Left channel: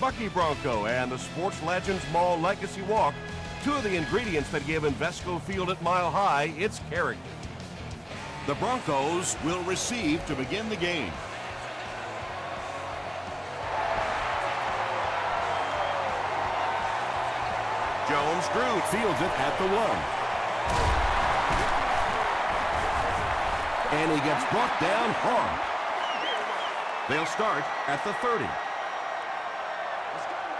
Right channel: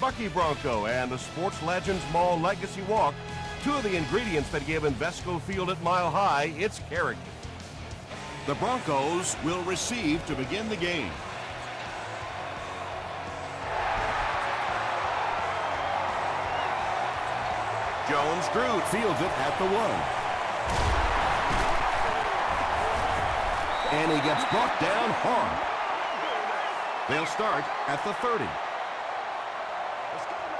Bucky Bronco and the Sports Legends Mall Legacy Walk, two of the ingredients that give Invesco Field at Mile High its character. The Broncos will receive to begin the game. Jones-Drew fields it at the 1. And he gets brought down hard. They'll start at the 30. Let's go, man.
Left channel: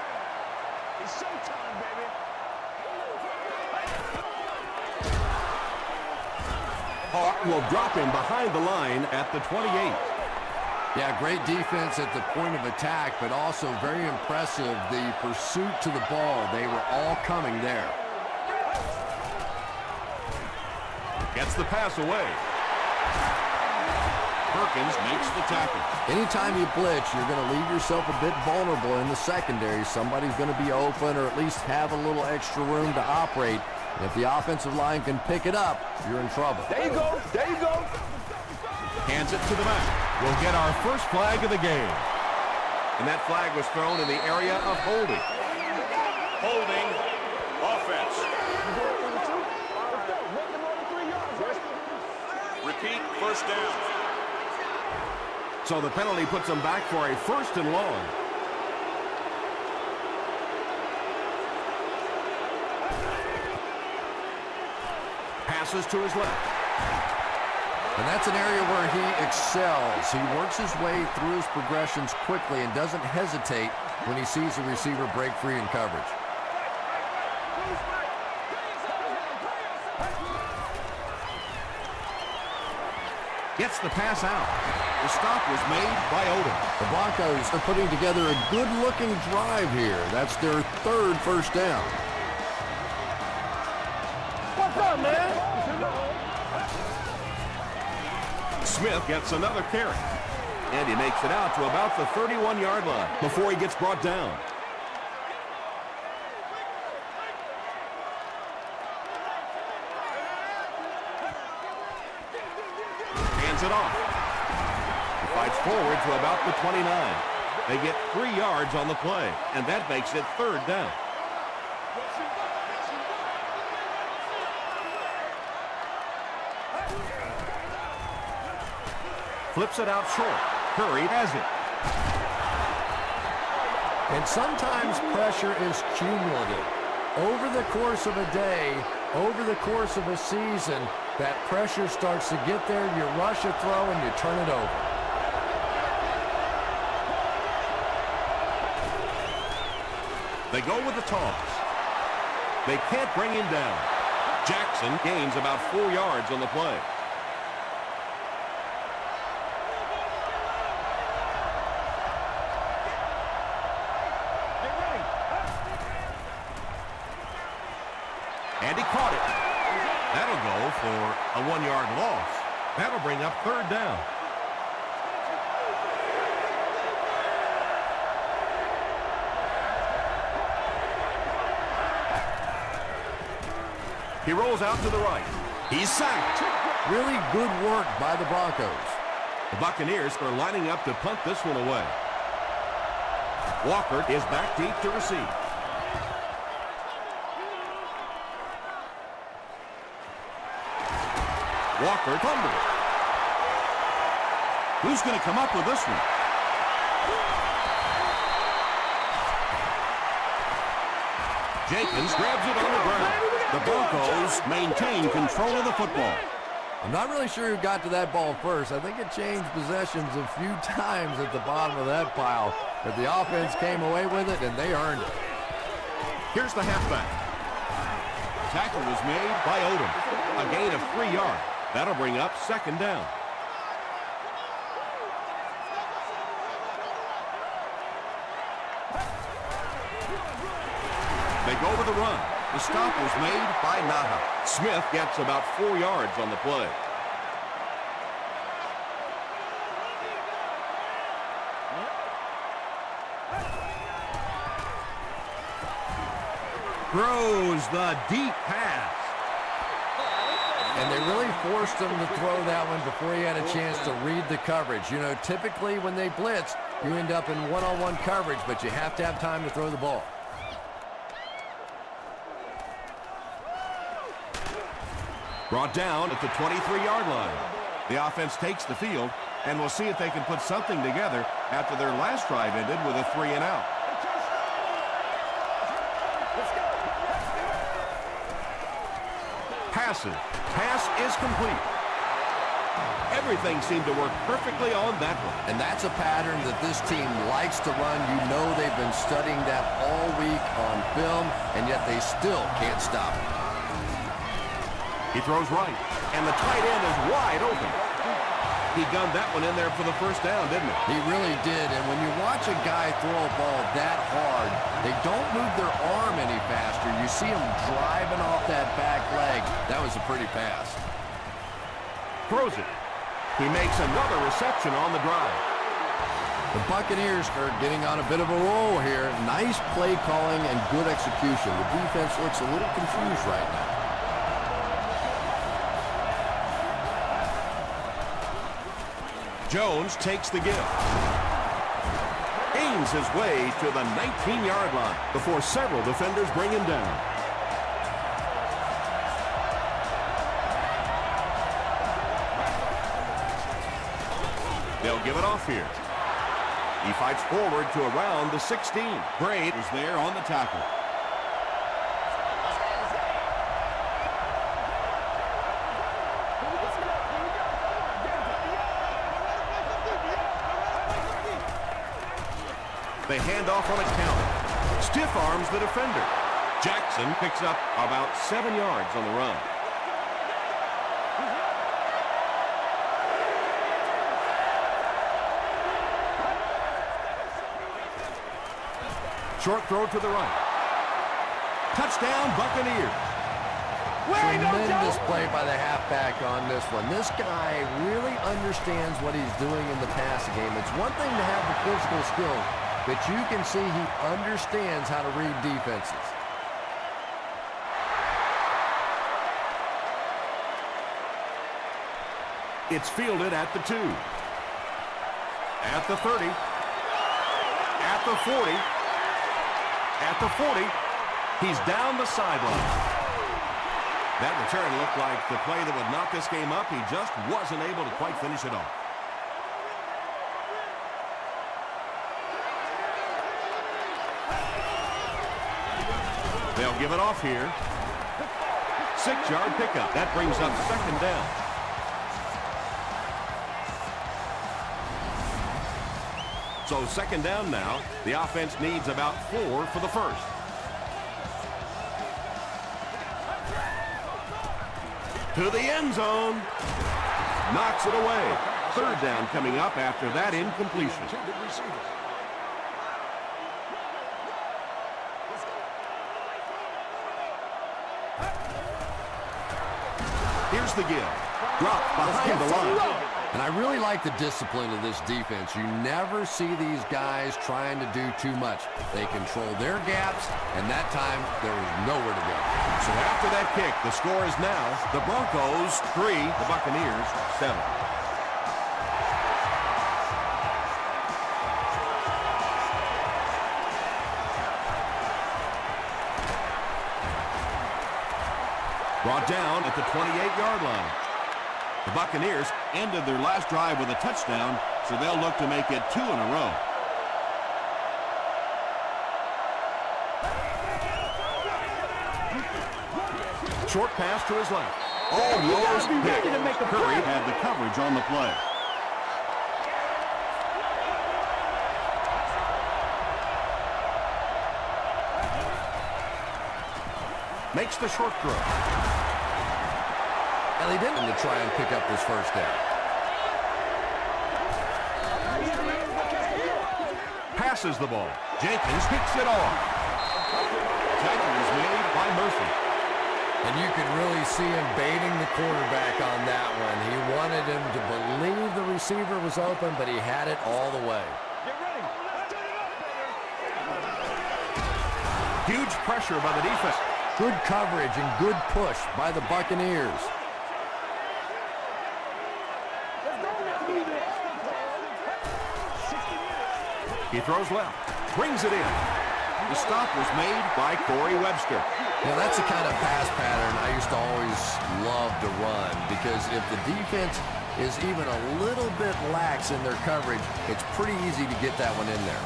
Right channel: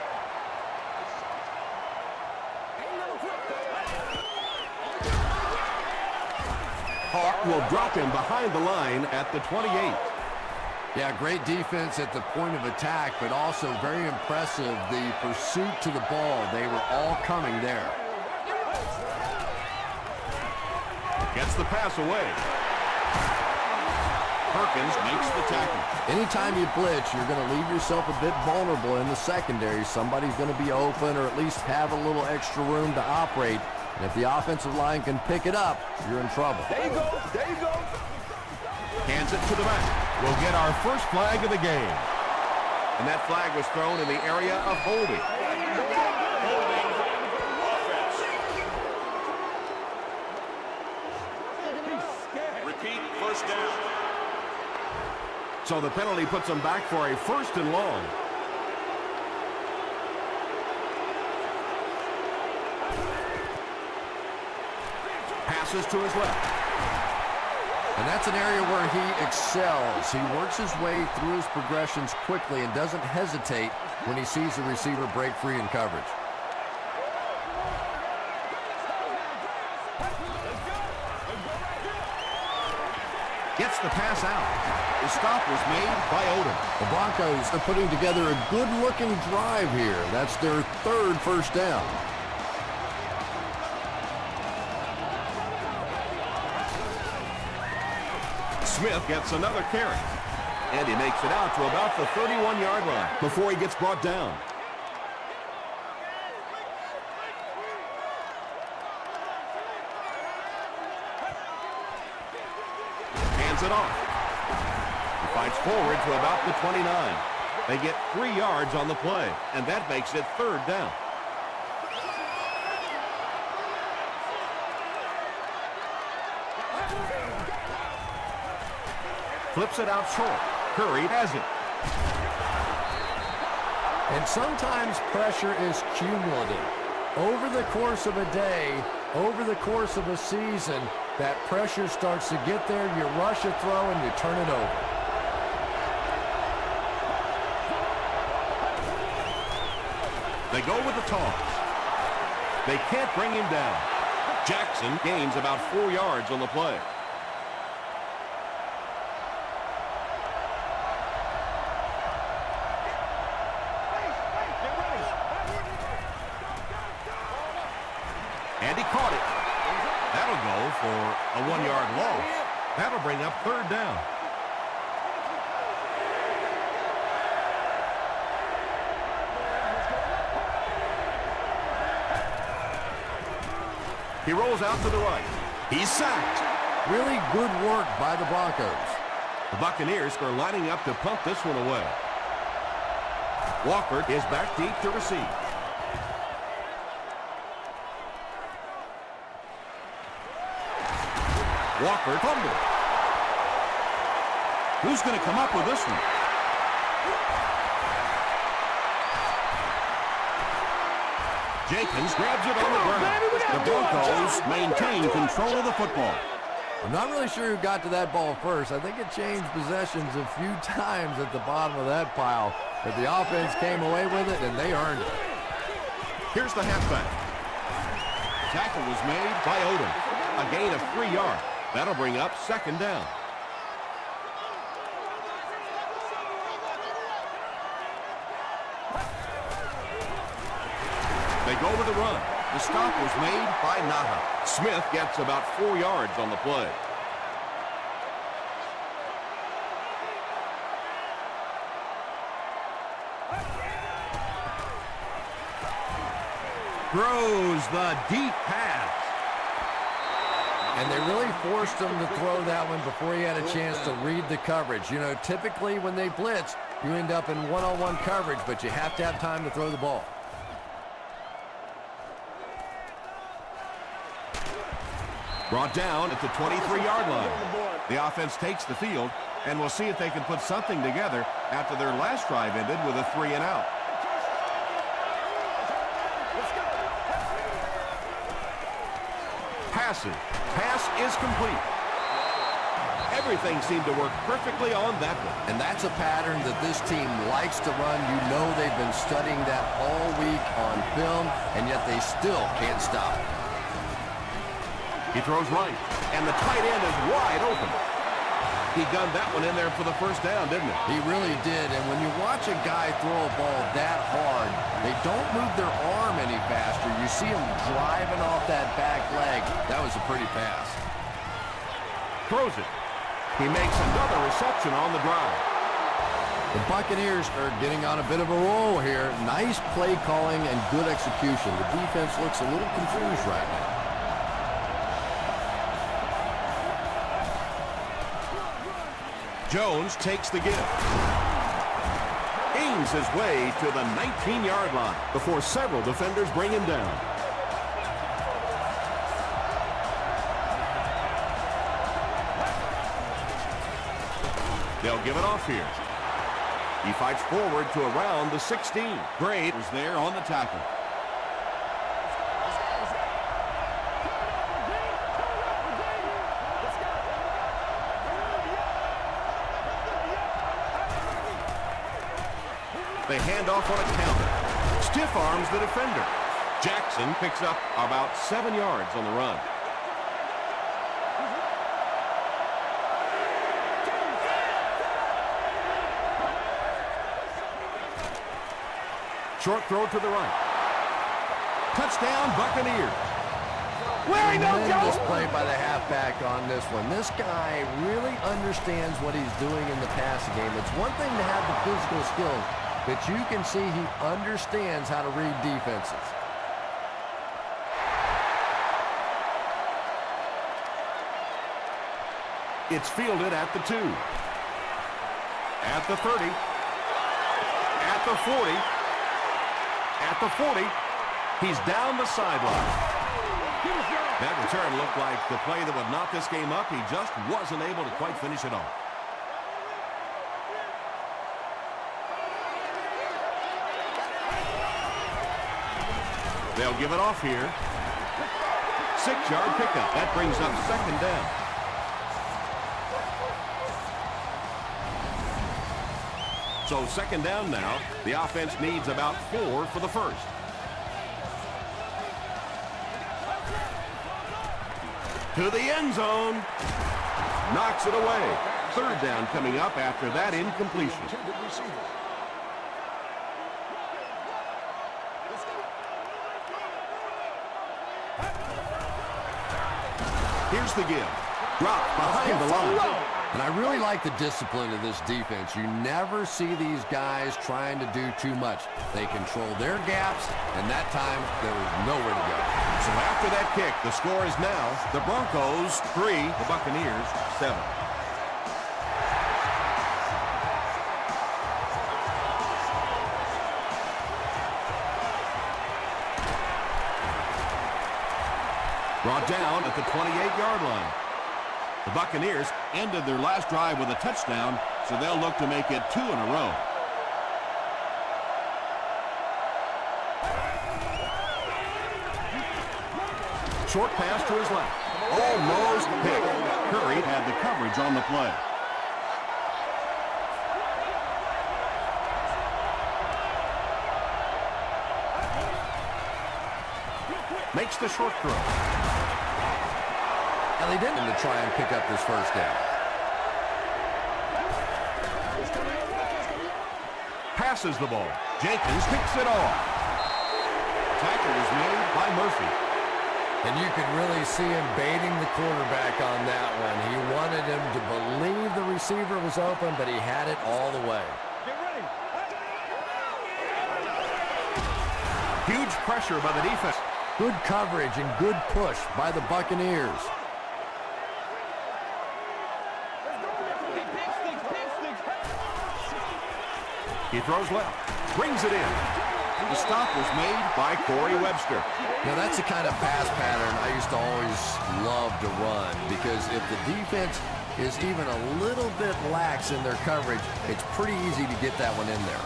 It's showtime, baby. Ain't never quit. Hart will drop him behind the line at the 28. Yeah, great defense at the point of attack, but also very impressive the pursuit to the ball. They were all coming there. Gets the pass away. Perkins makes the tackle. Anytime you blitz, you're going to leave yourself a bit vulnerable in the secondary. Somebody's going to be open or at least have a little extra room to operate. And if the offensive line can pick it up, you're in trouble. There you go. There you go. Hands it to the back. We'll get our first flag of the game. And that flag was thrown in the area of holding. Holding offense. Repeat first down. So the penalty puts them back for a 1st and long. Passes to his left. And that's an area where he excels. He works his way through his progressions quickly and doesn't hesitate when he sees a receiver break free in coverage. Gets the pass out. The stop was made by Odom. The Broncos are putting together a good-looking drive here. That's their 3rd first down. What's up, man? Smith gets another carry. And he makes it out to about the 31-yard line before he gets brought down. Hands it off. He fights forward to about the 29. They get 3 yards on the play, and that makes it 3rd down. Flips it out short. Curry has it. And sometimes pressure is cumulative. Over the course of a day, over the course of a season, that pressure starts to get there, you rush a throw, and you turn it over. They go with the toss. They can't bring him down. Jackson gains about 4 yards on the play. And he caught it. That'll go for a 1-yard loss. That'll bring up 3rd down. He rolls out to the right. He's sacked. Really good work by the Broncos. The Buccaneers are lining up to punt this one away. Walker is back deep to receive. Walker fumbled. Who's going to come up with this one? Jenkins grabs it on the ground. The Broncos maintain control of the football. I'm not really sure who got to that ball first. I think it changed possessions a few times at the bottom of that pile, but the offense came away with it, and they earned it. Here's the halfback. Tackle was made by Odom. A gain of 3 yards. That'll bring up 2nd down. They go with the run. The stop was made by Naha. Smith gets about 4 yards on the play. Throws the deep pass. And they really forced him to throw that one before he had a chance to read the coverage. You know, typically when they blitz, you end up in one-on-one coverage, but you have to have time to throw the ball. Brought down at the 23-yard line. The offense takes the field, and we'll see if they can put something together after their last drive ended with a 3-and-out. Passes. Pass is complete. Everything seemed to work perfectly on that one. And that's a pattern that this team likes to run. You know they've been studying that all week on film, and yet they still can't stop it. He throws right, and the tight end is wide open. He gunned that one in there for the first down, didn't he? He really did, and when you watch a guy throw a ball that hard, they don't move their arm any faster. You see him driving off that back leg. That was a pretty pass. Throws it. He makes another reception on the drive. The Buccaneers are getting on a bit of a roll here. Nice play calling and good execution. The defense looks a little confused right now. Jones takes the give. Gains his way to the 19-yard line before several defenders bring him down. They'll give it off here. He fights forward to around the 16. Braid was there on the tackle. They hand off on a counter. Stiff arms the defender. Jackson picks up about 7 yards on the run. Short throw to the right. Touchdown, Buccaneers. Tremendous play by the halfback on this one. This guy really understands what he's doing in the passing game. It's one thing to have the physical skills, but you can see he understands how to read defenses. It's fielded at the 2. At the 30. At the 40. At the 40. He's down the sideline. That return looked like the play that would knock this game up. He just wasn't able to quite finish it off. They'll give it off here. 6-yard pickup. That brings up second down. So second down now. The offense needs about 4 for the first. To the end zone. Knocks it away. Third down coming up after that incompletion. Here's the give. Drop behind the line. And I really like the discipline of this defense. You never see these guys trying to do too much. They control their gaps, and that time there was nowhere to go. So after that kick, the score is now the Broncos 3, the Buccaneers 7. Brought down at the 28-yard line. The Buccaneers ended their last drive with a touchdown, so they'll look to make it 2 in a row. Short pass to his left. Almost picked. Curry had the coverage on the play. Makes the short throw. And they didn't to try and pick up this first down. Passes the ball. Jenkins picks it off. Tackle was made by Murphy. And you could really see him baiting the quarterback on that one. He wanted him to believe the receiver was open, but he had it all the way. Get ready. Huge pressure by the defense. Good coverage and good push by the Buccaneers. He throws left. Brings it in. The stop was made by Corey Webster. Now, that's the kind of pass pattern I used to always love to run, because if the defense is even a little bit lax in their coverage, it's pretty easy to get that one in there.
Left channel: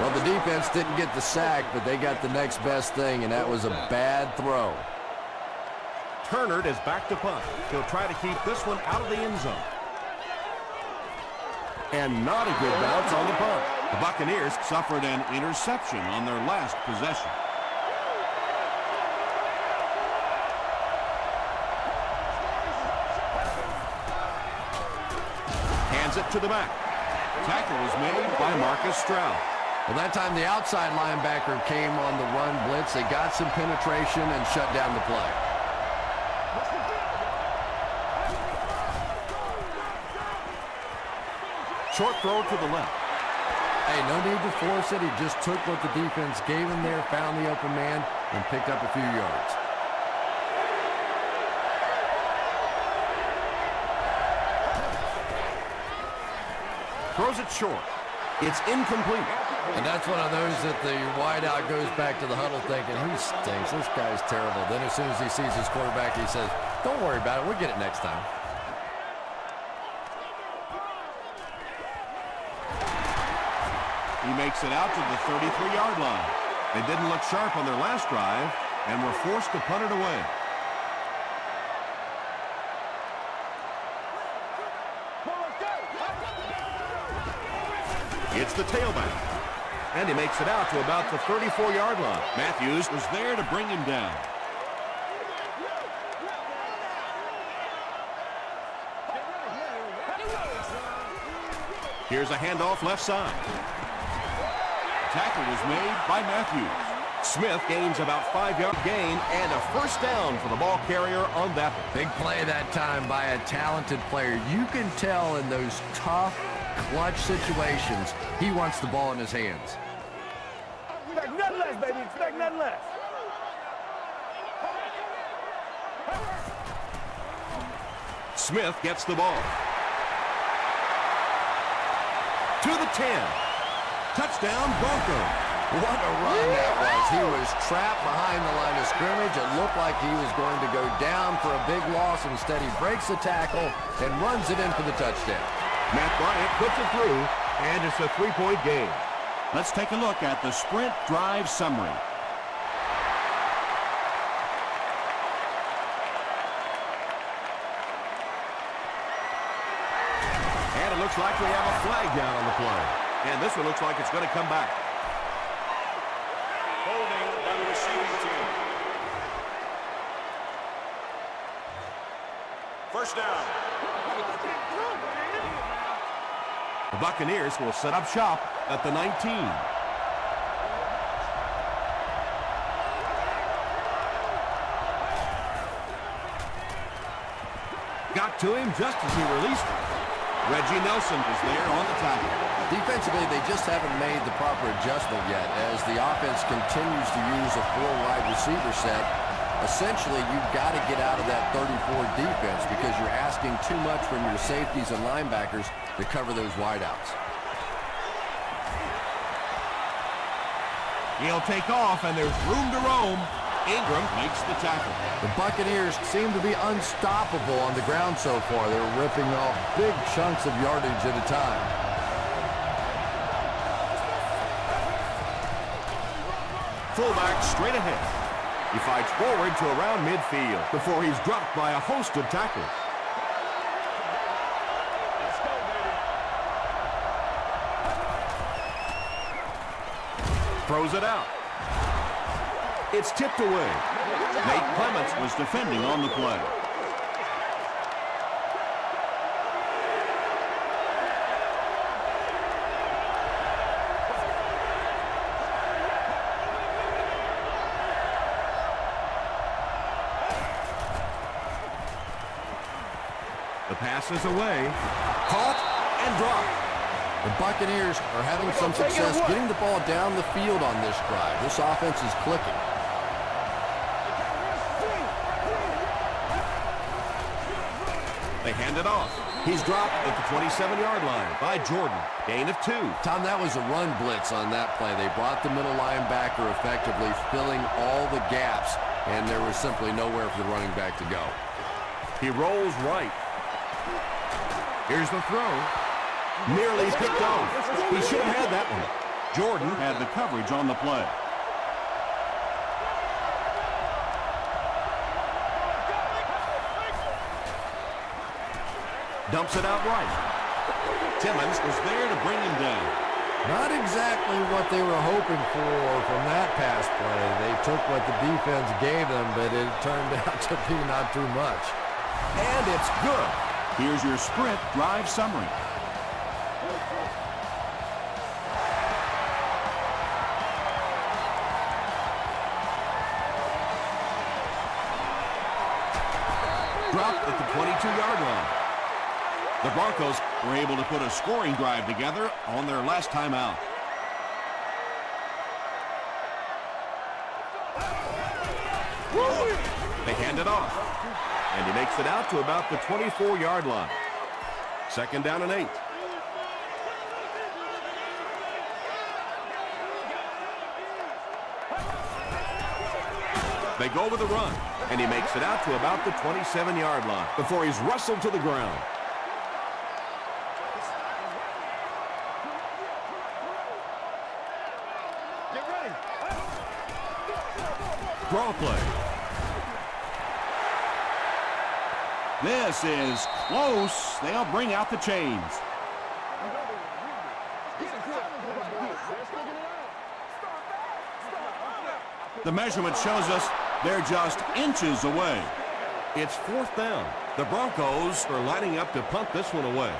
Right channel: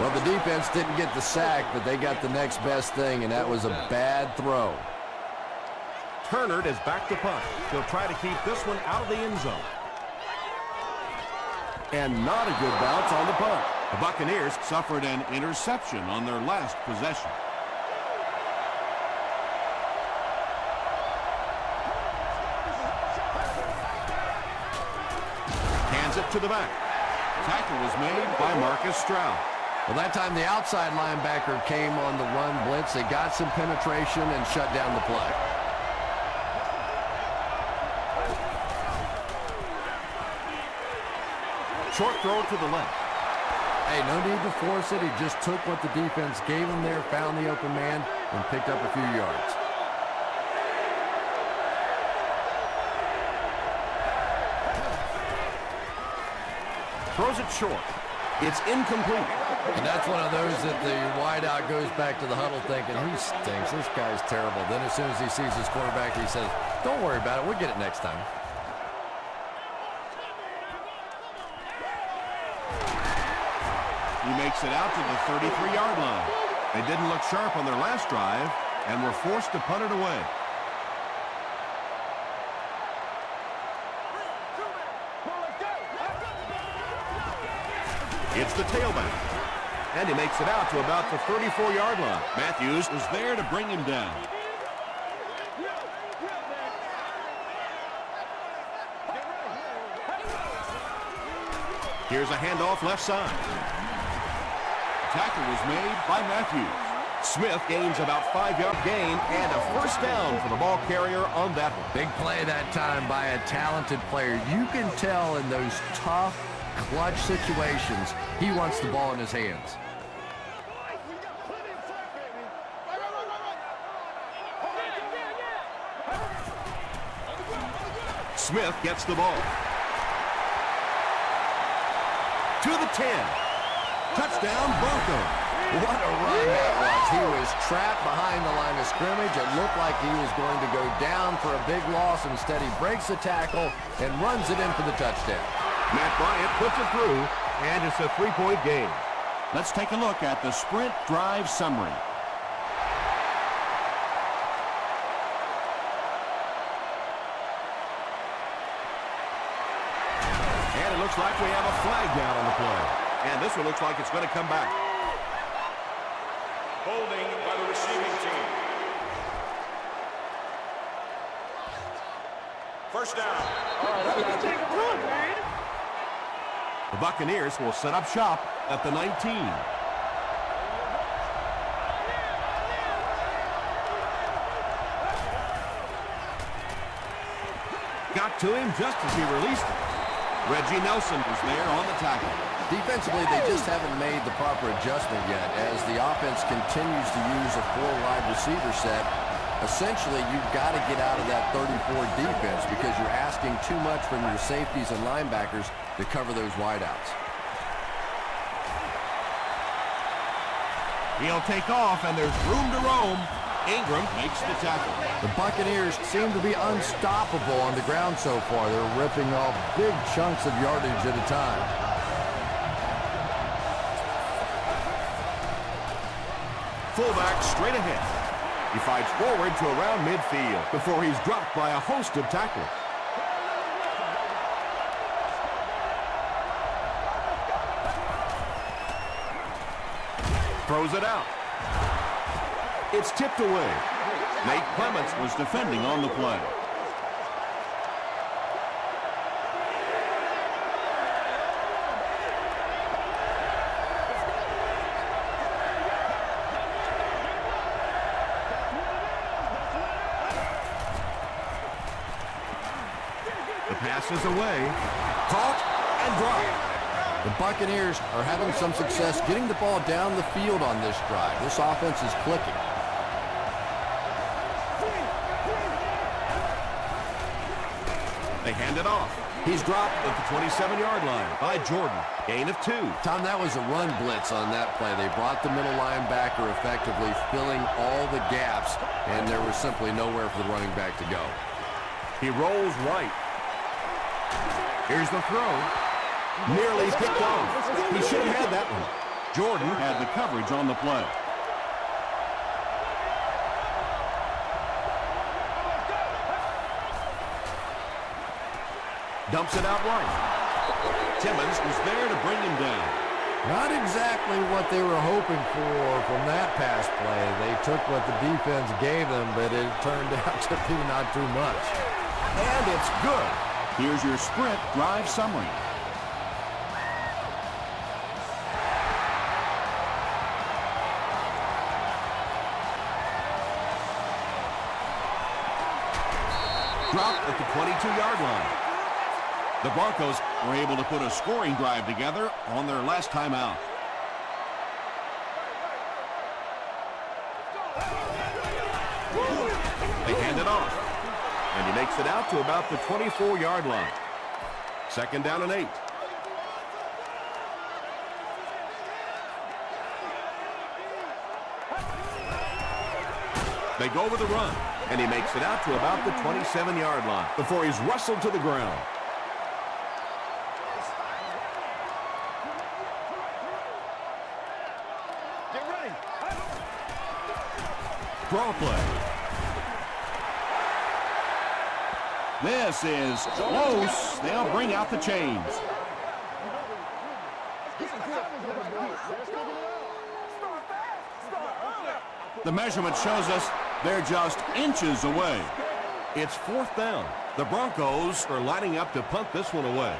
Well, the defense didn't get the sack, but they got the next best thing, and that was a bad throw. Turner is back to punt. He'll try to keep this one out of the end zone. And not a good bounce on the punt. The Buccaneers suffered an interception on their last possession. Hands it to the back. Tackle was made by Marcus Stroud. Well, that time the outside linebacker came on the run blitz. They got some penetration and shut down the play. Short throw to the left. Hey, no need to force it. He just took what the defense gave him there, found the open man, and picked up a few yards. Throws it short. It's incomplete. And that's one of those that the wideout goes back to the huddle thinking, he stinks. This guy's terrible. Then as soon as he sees his quarterback, he says, don't worry about it. We'll get it next time. He makes it out to the 33-yard line. They didn't look sharp on their last drive and were forced to punt it away. It's the tailback. And he makes it out to about the 34-yard line. Matthews was there to bring him down. Here's a handoff left side. Tackle was made by Matthews. Smith gains about 5-yard gain and a first down for the ball carrier on that one. Big play that time by a talented player. You can tell in those tough, clutch situations, he wants the ball in his hands. Smith gets the ball. To the 10. Touchdown, Broncos. What a run that was. He was trapped behind the line of scrimmage. It looked like he was going to go down for a big loss. Instead, he breaks the tackle and runs it in for the touchdown. Matt Bryant puts it through, and it's a 3-point game. Let's take a look at the sprint drive summary. And it looks like we have a flag down on the play. And this one looks like it's going to come back. Holding by the receiving team. The Buccaneers will set up shop at the 19. Got to him just as he released it. Reggie Nelson is there on the tackle. Defensively, they just haven't made the proper adjustment yet as the offense continues to use a 4-wide receiver set. Essentially, you've got to get out of that 34 defense because you're asking too much from your safeties and linebackers to cover those wideouts. He'll take off, and there's room to roam. Ingram makes the tackle. The Buccaneers seem to be unstoppable on the ground so far. They're ripping off big chunks of yardage at a time. Fullback straight ahead. He fights forward to around midfield before he's dropped by a host of tacklers. Throws it out. It's tipped away. Nate Clements was defending on the play. The pass is away. Caught and dropped. The Buccaneers are having some success getting the ball down the field on this drive. This offense is clicking. They hand it off. He's dropped at the 27-yard line by Jordan. Gain of 2. Tom, that was a run blitz on that play. They brought the middle linebacker effectively filling all the gaps, and there was simply nowhere for the running back to go. He rolls right. Here's the throw. Nearly picked off. He should have had that one. Jordan had the coverage on the play. Dumps it out right. Timmons was there to bring him down. Not exactly what they were hoping for from that pass play. They took what the defense gave them, but it turned out to be not too much. And it's good. Here's your sprint drive summary. Dropped at the 22-yard line. The Broncos were able to put a scoring drive together on their last time out. They hand it off. And he makes it out to about the 24-yard line. 2nd down and 8. They go with the run, and he makes it out to about the 27-yard line before he's wrestled to the ground. Get ready. Draw play. This is close. They'll bring out the chains. The measurement shows us they're just inches away. It's 4th down. The Broncos are lining up to punt this one away.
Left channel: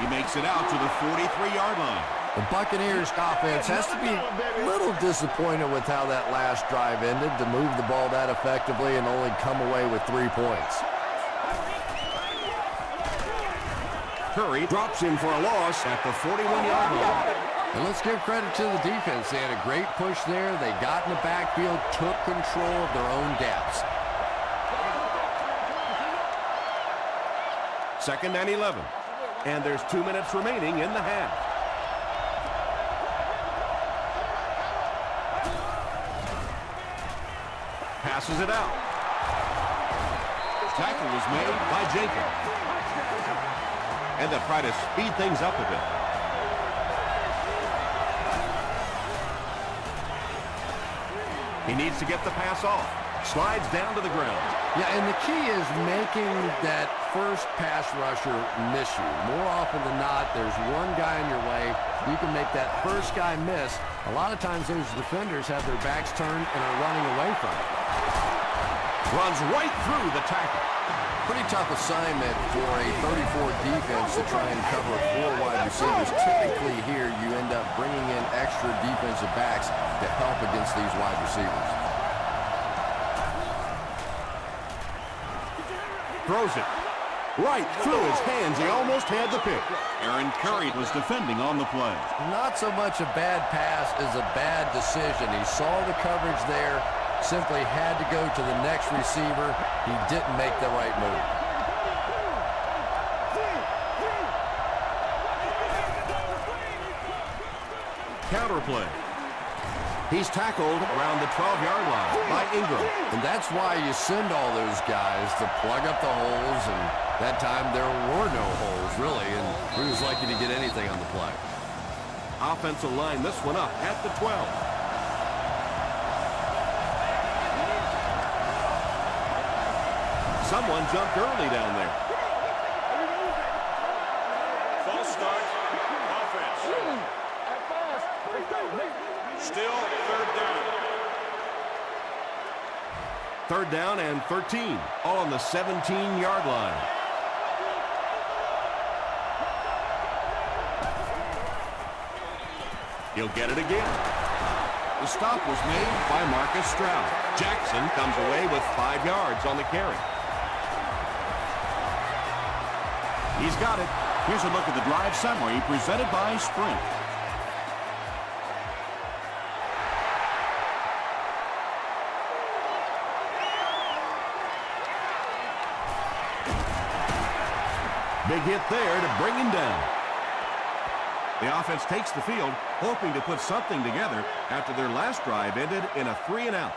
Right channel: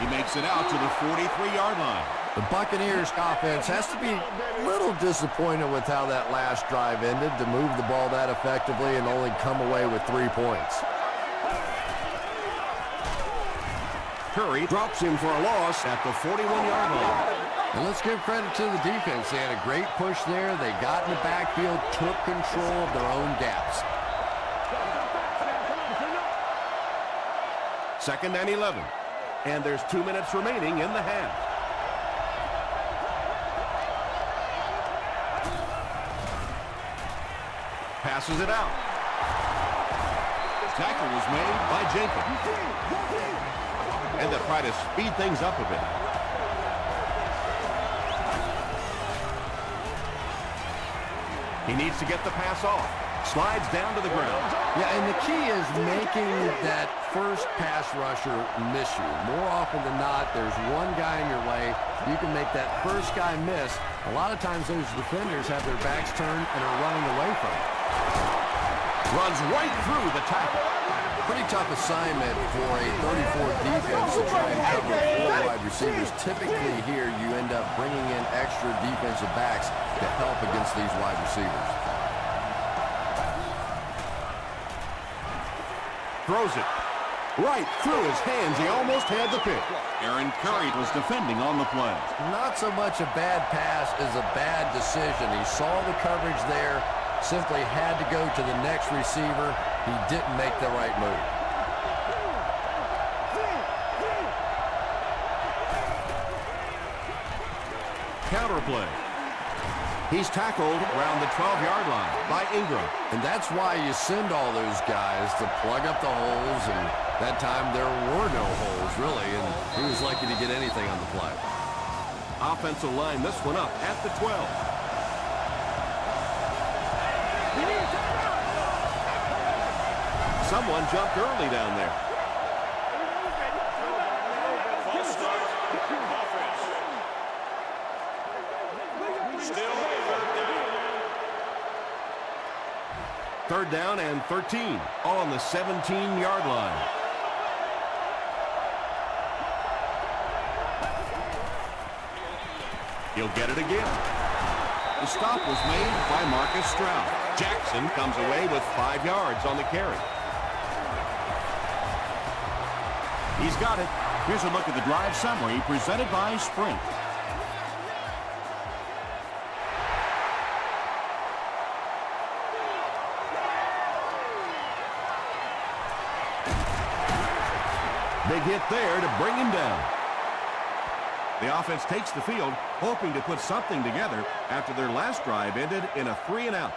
He makes it out to the 43-yard line. The Buccaneers offense has to be a little disappointed with how that last drive ended, to move the ball that effectively and only come away with 3 points. Curry drops him for a loss at the 41-yard line. And let's give credit to the defense. They had a great push there. They got in the backfield, took control of their own gaps. 2nd and 11. And there's 2 minutes remaining in the half. Passes it out. Tackle was made by Jenkins. And they'll try to speed things up a bit. He needs to get the pass off. Slides down to the ground. Yeah, and the key is making that first pass rusher miss you. More often than not, there's one guy in your way. You can make that first guy miss. A lot of times those defenders have their backs turned and are running away from it. Runs right through the tackle. Pretty tough assignment for a 34 defense to try and cover 4 wide receivers. Typically here, you end up bringing in extra defensive backs to help against these wide receivers. Throws it right through his hands. He almost had the pick. Aaron Curry was defending on the play. Not so much a bad pass as a bad decision. He saw the coverage there, simply had to go to the next receiver. He didn't make the right move. Counter play. He's tackled around the 12-yard line by Ingram. And that's why you send all those guys to plug up the holes, and that time there were no holes, really, and he was lucky to get anything on the play. Offensive line this one up at the 12. Someone jumped early down there. False start. Offense. Still 3rd down. 3rd down and 13. All on the 17-yard line. He'll get it again. The stop was made by Marcus Stroud. Jackson comes away with 5 yards on the carry. He's got it. Here's a look at the drive summary presented by Sprint. Big hit there to bring him down. The offense takes the field, hoping to put something together after their last drive ended in a 3-and-out.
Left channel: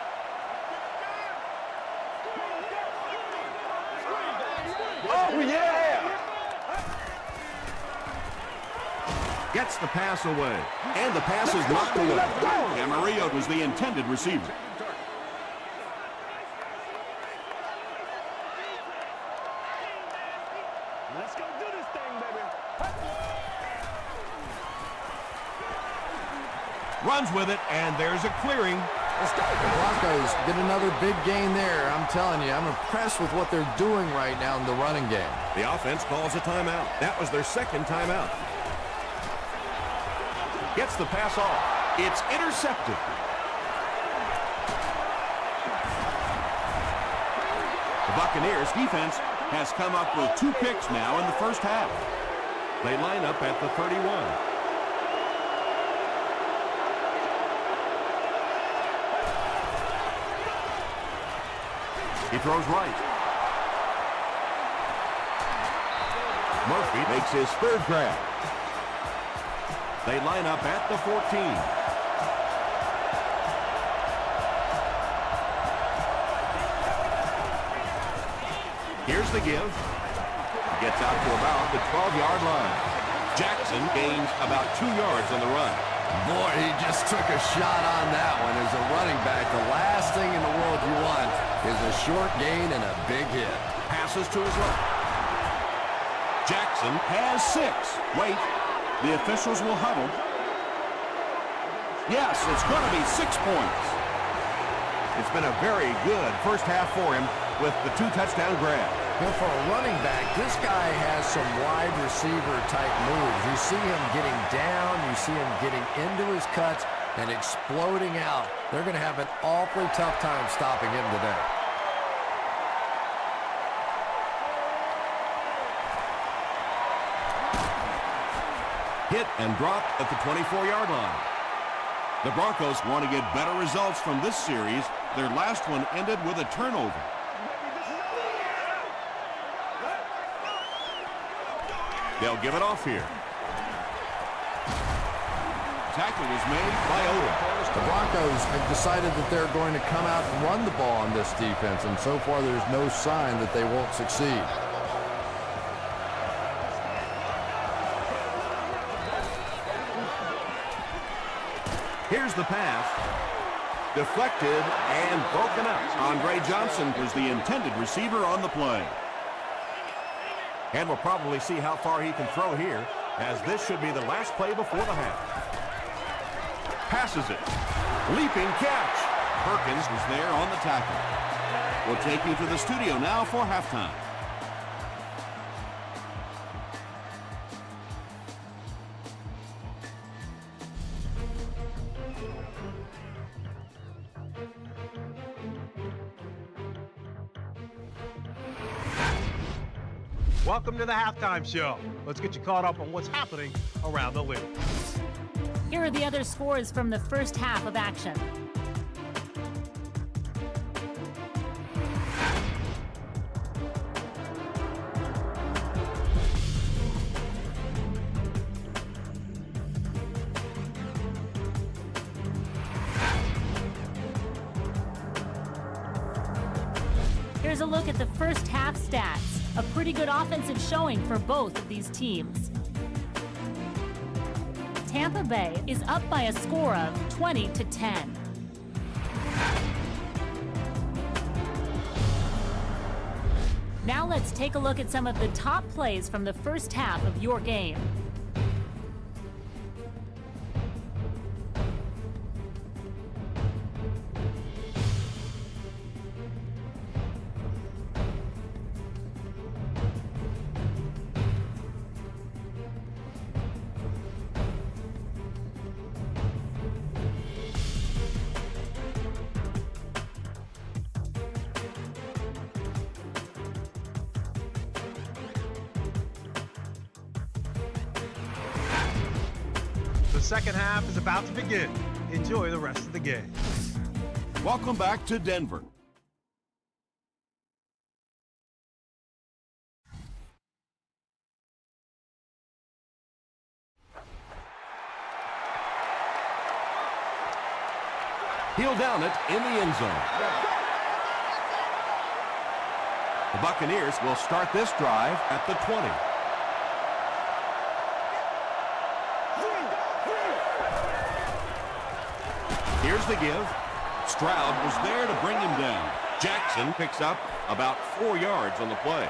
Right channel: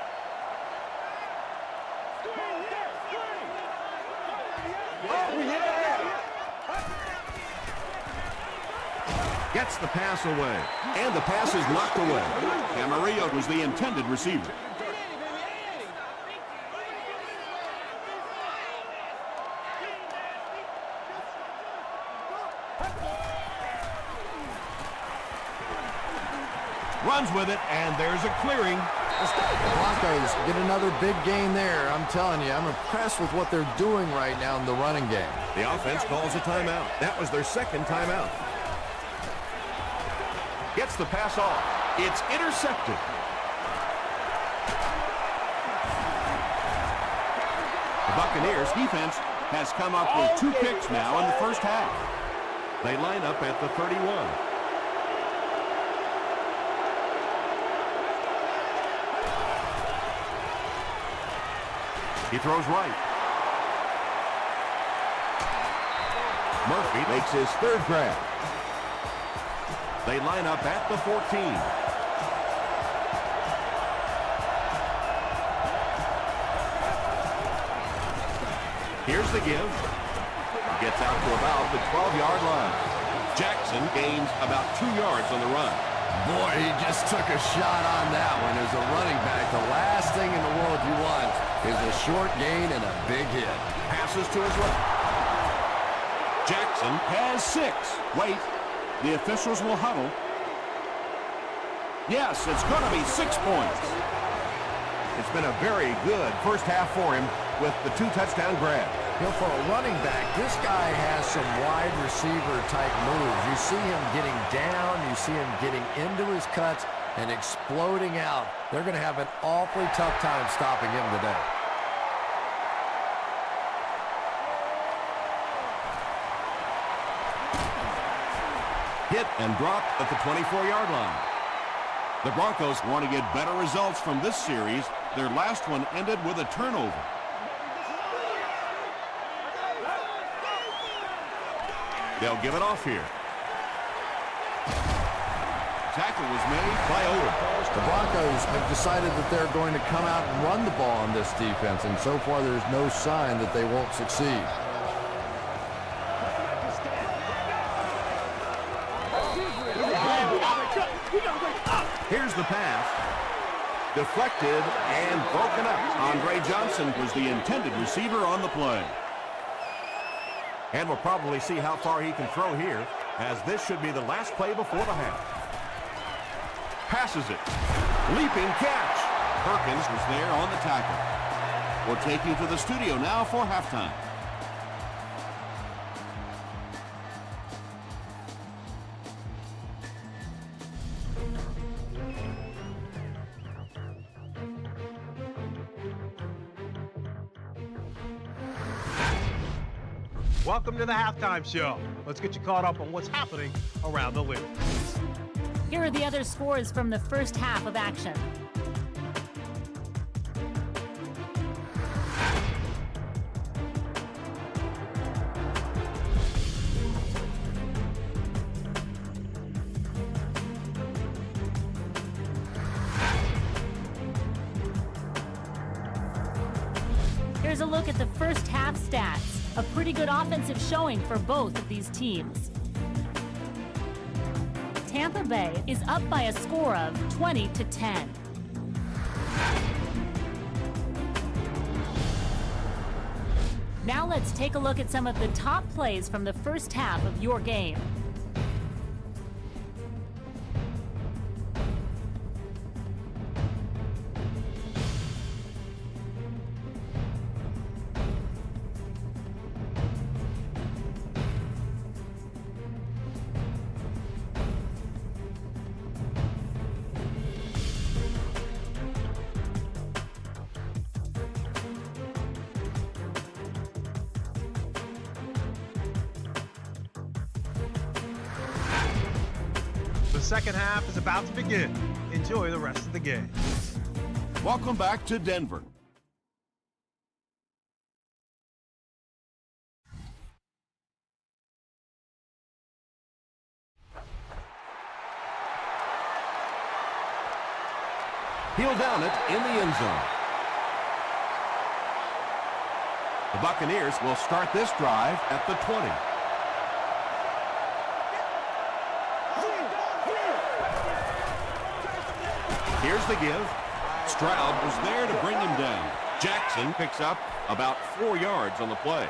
Oh, yeah! Gets the pass away, and the pass is knocked away. Camarillo was the intended receiver. Let's go do this thing, baby. Runs with it, and there's a clearing. Let's go. The Broncos get another big gain there. I'm telling you, I'm impressed with what they're doing right now in the running game. The offense calls a timeout. That was their second timeout. Gets the pass off. It's intercepted. The Buccaneers defense has come up with 2 picks now in the first half. They line up at the 31. He throws right. Murphy makes his third grab. They line up at the 14. Here's the give. Gets out to about the 12-yard line. Jackson gains about 2 yards on the run. Boy, he just took a shot on that one. As a running back, the last thing in the world you want is a short gain and a big hit. Passes to his left. Jackson has 6. Wait, the officials will huddle. Yes, it's going to be 6 points. It's been a very good first half for him with the 2 touchdown grabs. You know, for a running back, this guy has some wide receiver type moves. You see him getting down, you see him getting into his cuts and exploding out. They're going to have an awfully tough time stopping him today. Hit and dropped at the 24-yard line. The Broncos want to get better results from this series. Their last one ended with a turnover. They'll give it off here. Tackle was made by Odom. The Broncos have decided that they're going to come out and run the ball on this defense, and so far there's no sign that they won't succeed. Here's the pass. Deflected and broken up. Andre Johnson was the intended receiver on the play. And we'll probably see how far he can throw here, as this should be the last play before the half. Passes it. Leaping catch. Perkins was there on the tackle. We'll take you to the studio now for halftime. Welcome to the halftime show. Let's get you caught up on what's happening around the league. Here are the other scores from the first half of action. Here's a look at the first half stats. A pretty good offensive showing for both of these teams. Tampa Bay is up by a score of 20-10. Now let's take a look at some of the top plays from the first half of your game. The second half is about to begin. Enjoy the rest of the game. Welcome back to Denver. He'll down it in the end zone. The Buccaneers will start this drive at the 20. Here's the give. Stroud was there to bring him down. Jackson picks up about 4 yards on the play.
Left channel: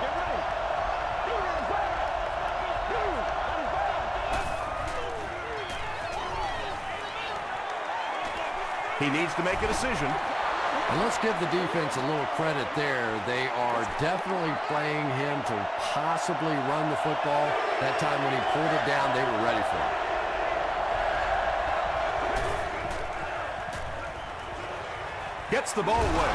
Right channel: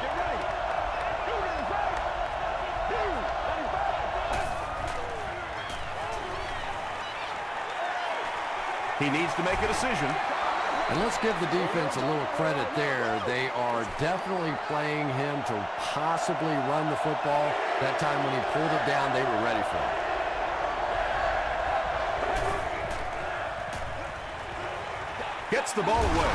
Get ready. Blue, that is bad. Blue, that is bad. He needs to make a decision. And let's give the defense a little credit there. They are definitely playing him to possibly run the football. That time when he pulled it down, they were ready for it. Gets the ball away.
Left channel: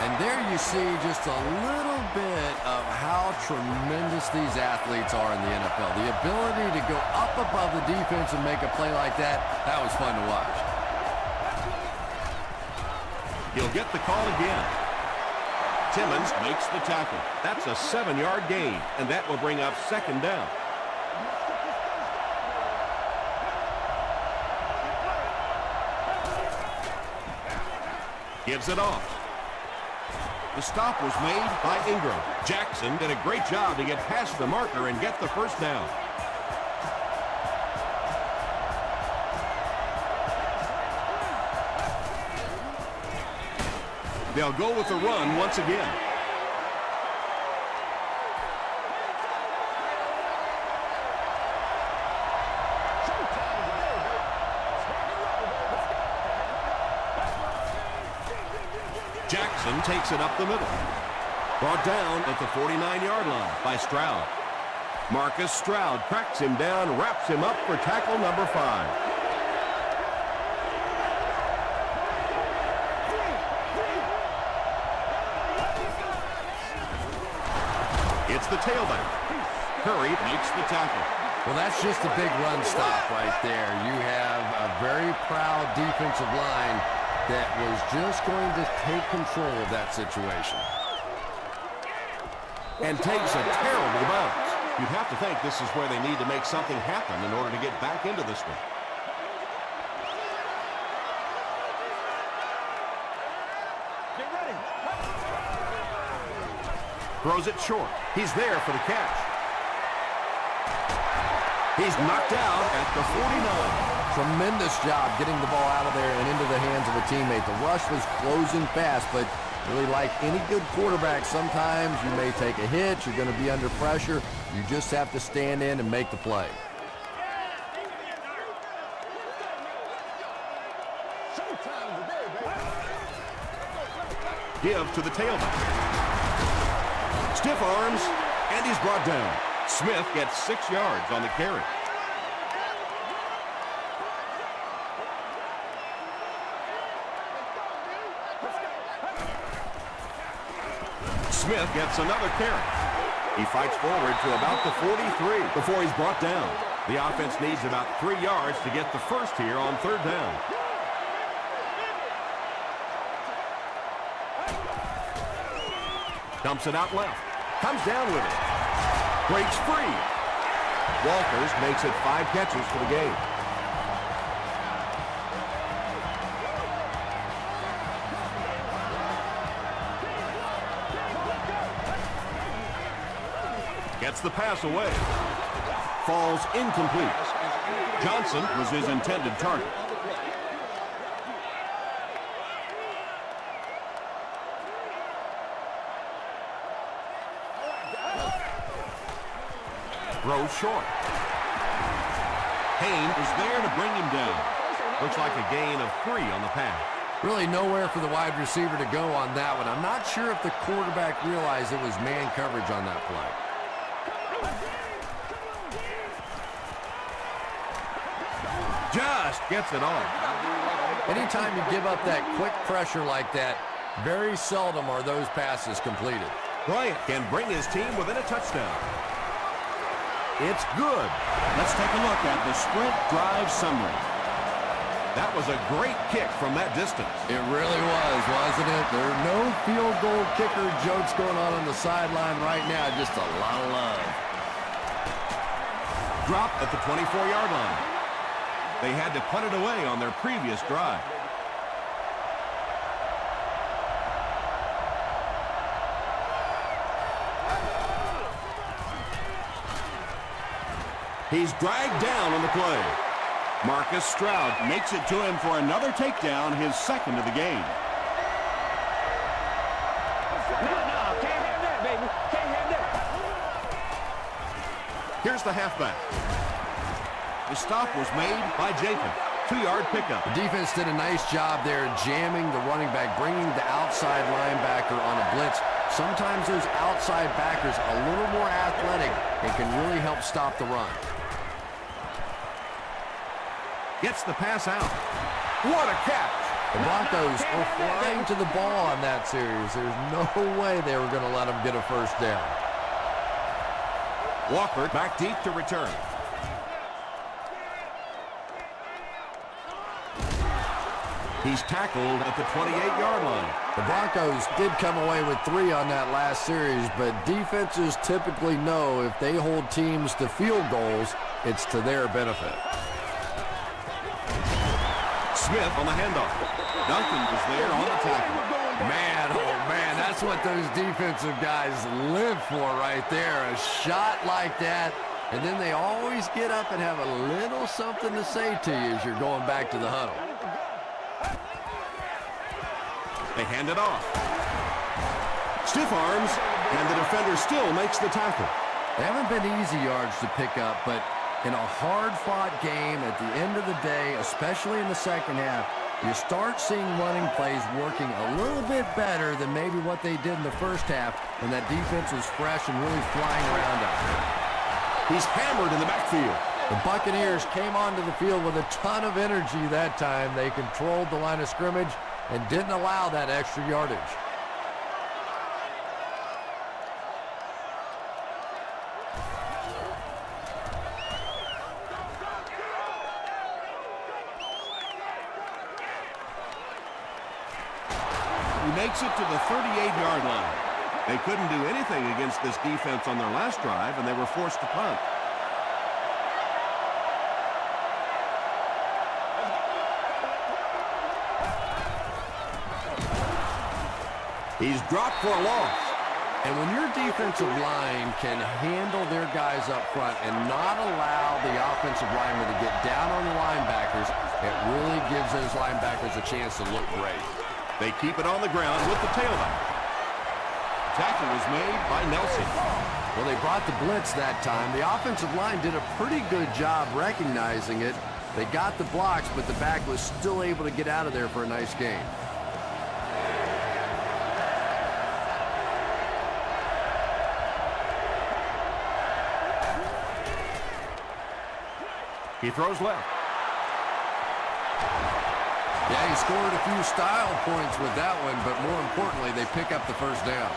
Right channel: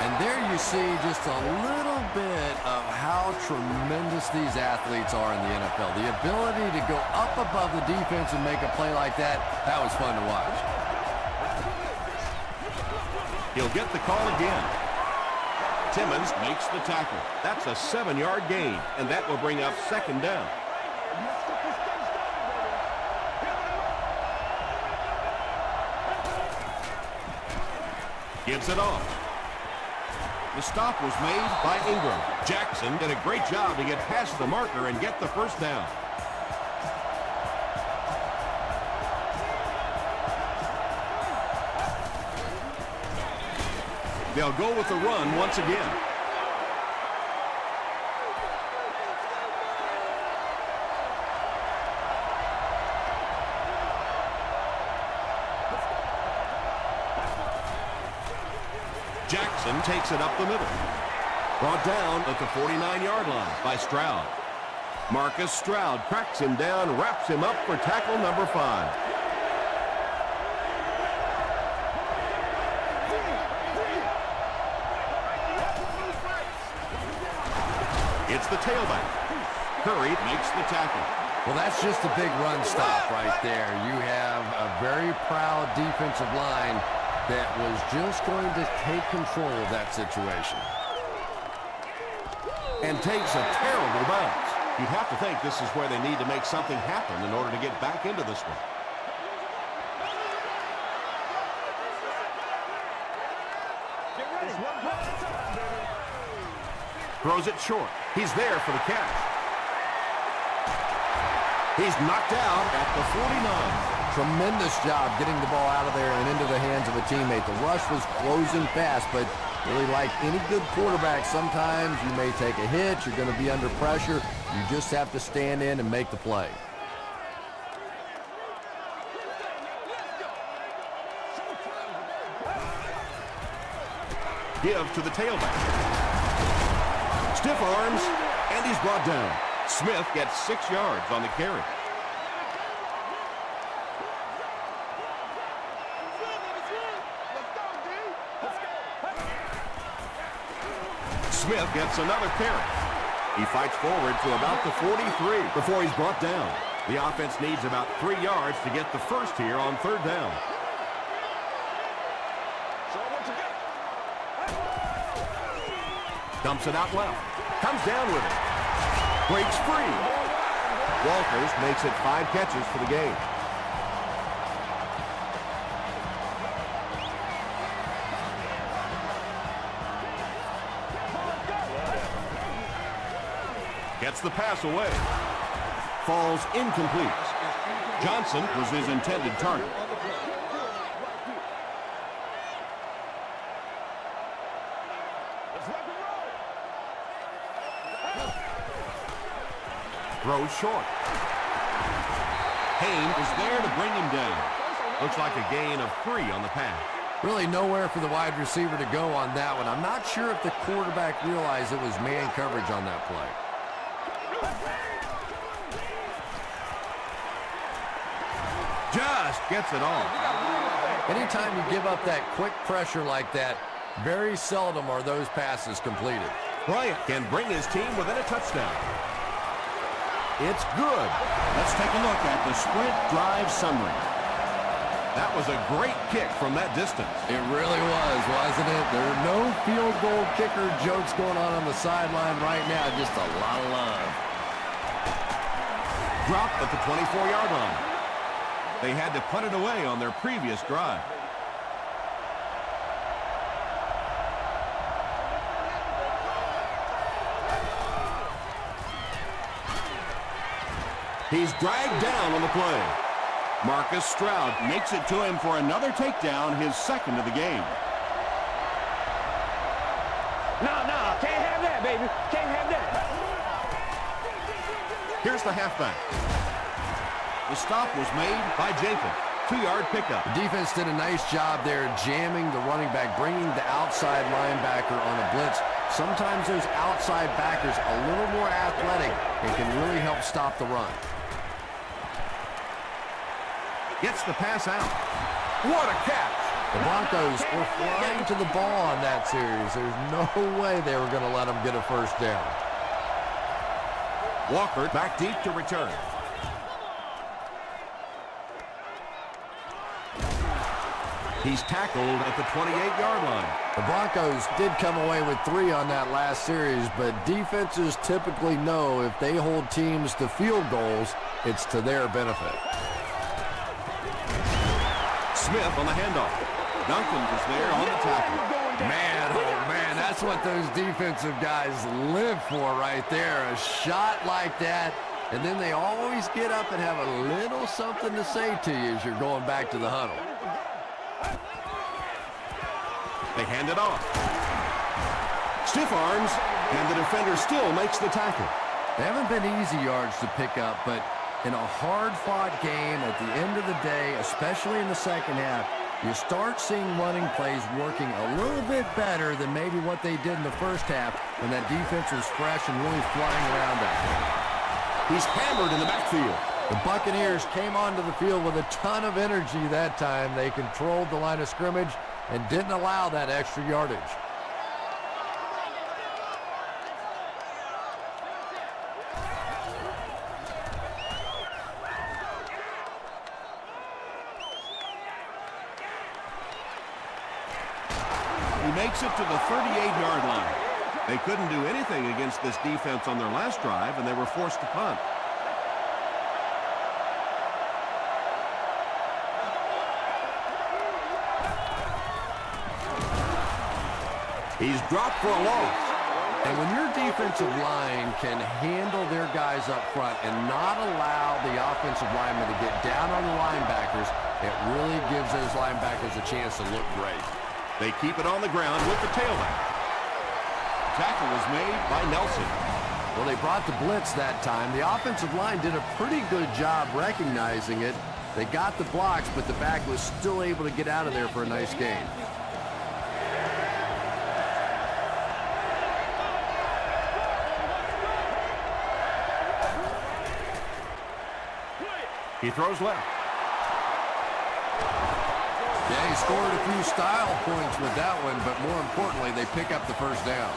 And there you see just a little bit of how tremendous these athletes are in the NFL. The ability to go up above the defense and make a play like that, that was fun to watch. He'll get the call again. Timmons makes the tackle. That's a 7-yard gain, and that will bring up second down. Let's get this thing started, baby. Hit him with a mark. Gives it off. The stop was made by Ingram. Jackson did a great job to get past the marker and get the first down. They'll go with the run once again. Jackson takes it up the middle. Brought down at the 49-yard line by Stroud. Marcus Stroud tracks him down, wraps him up for tackle number 5. It's the tailback. Curry makes the tackle. Well, that's just a big run stop right there. You have a very proud defensive line that was just going to take control of that situation. And takes a terrible bounce. You'd have to think this is where they need to make something happen in order to get back into this one. Get ready. Throws it short. He's there for the catch. He's knocked out at the 49. Tremendous job getting the ball out of there and into the hands of a teammate. The rush was closing fast, but really like any good quarterback, sometimes you may take a hit. You're going to be under pressure. You just have to stand in and make the play. Give to the tailback. Stiff arms, and he's brought down. Smith gets 6 yards on the carry. Smith gets another carry. He fights forward to about the 43 before he's brought down. The offense needs about 3 yards to get the first here on third down. Dumps it out left. Comes down with it. Breaks free. Walters makes it 5 catches for the game. Gets the pass away. Falls incomplete. Johnson was his intended target. Throws short. Hayne was there to bring him down. Looks like a gain of 3 on the pass. Really nowhere for the wide receiver to go on that one. I'm not sure if the quarterback realized it was man coverage on that play. Just gets it off. Anytime you give up that quick pressure like that, very seldom are those passes completed. Bryant can bring his team within a touchdown. It's good. Let's take a look at the sprint drive summary. That was a great kick from that distance. It really was, wasn't it? There are no field goal kicker jokes going on the sideline right now. Just a lot of love. Dropped at the 24-yard line. They had to punt it away on their previous drive. He's dragged down on the play. Marcus Stroud makes it to him for another takedown, his second of the game. No, can't have that, baby. Can't have that. Here's the halfback. The stop was made by Jacobs. 2-yard pickup. The defense did a nice job there jamming the running back, bringing the outside linebacker on a blitz. Sometimes those outside backers a little more athletic and can really help stop the run. Gets the pass out. What a catch. The Broncos were flying to the ball on that series. There's no way they were going to let them get a first down. Walker back deep to return. He's tackled at the 28-yard line. The Broncos did come away with 3 on that last series, but defenses typically know if they hold teams to field goals, it's to their benefit. Smith on the handoff. Duncan was there on the tackle. Man, oh man, that's what those defensive guys live for right there. A shot like that, and then they always get up and have a little something to say to you as you're going back to the huddle. They hand it off. Stiff arms, and the defender still makes the tackle. They haven't been easy yards to pick up, but in a hard-fought game at the end of the day, especially in the second half, you start seeing running plays working a little bit better than maybe what they did in the first half when that defense was fresh and really flying around out there. He's hammered in the backfield. The Buccaneers came onto the field with a ton of energy that time. They controlled the line of scrimmage and didn't allow that extra yardage. He makes it to the 38-yard line. They couldn't do anything against this defense on their last drive, and they were forced to punt. He's dropped for a loss. And when your defensive line can handle their guys up front and not allow the offensive linemen to get down on the linebackers, it really gives those linebackers a chance to look great. They keep it on the ground with the tailback. Tackle was made by Nelson. Well, they brought the blitz that time. The offensive line did a pretty good job recognizing it. They got the blocks, but the back was still able to get out of there for a nice gain. He throws left. Yeah, he scored a few style points with that one, but more importantly, they pick up the first down.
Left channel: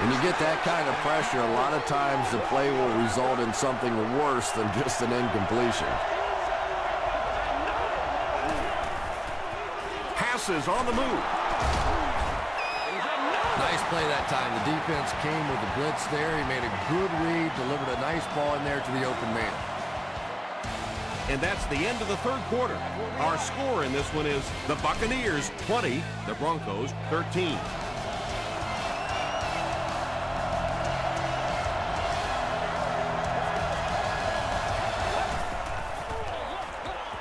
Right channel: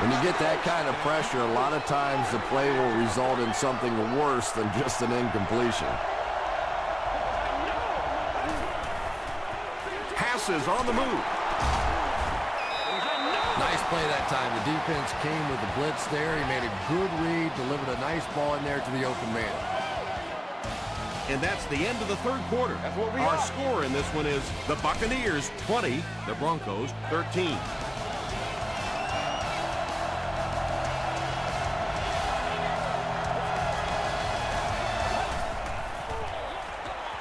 When you get that kind of pressure, a lot of times the play will result in something worse than just an incompletion. Passes on the move. Nice play that time. The defense came with the blitz there. He made a good read, delivered a nice ball in there to the open man. And that's the end of the third quarter. Our score in this one is the Buccaneers 20, the Broncos 13.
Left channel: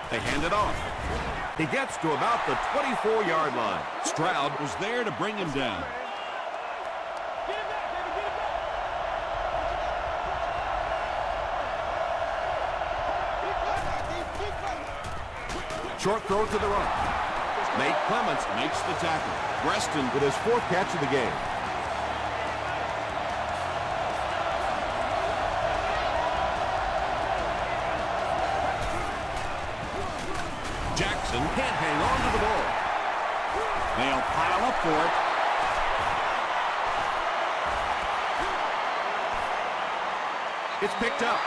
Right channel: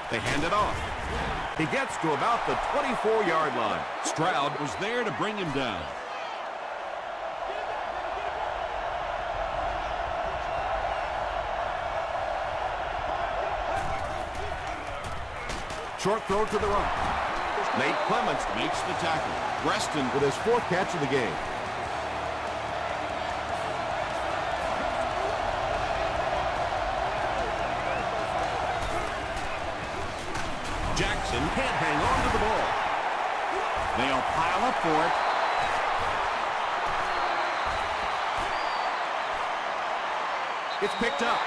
They hand it off. He gets to about the 24-yard line. Stroud was there to bring him down. Get it back, baby, get it back. Short throw to the right. Nate Clements Makes the tackle. Reston with his 4th catch of the game. can't hang on to the ball. They'll pile up for it. It's picked up.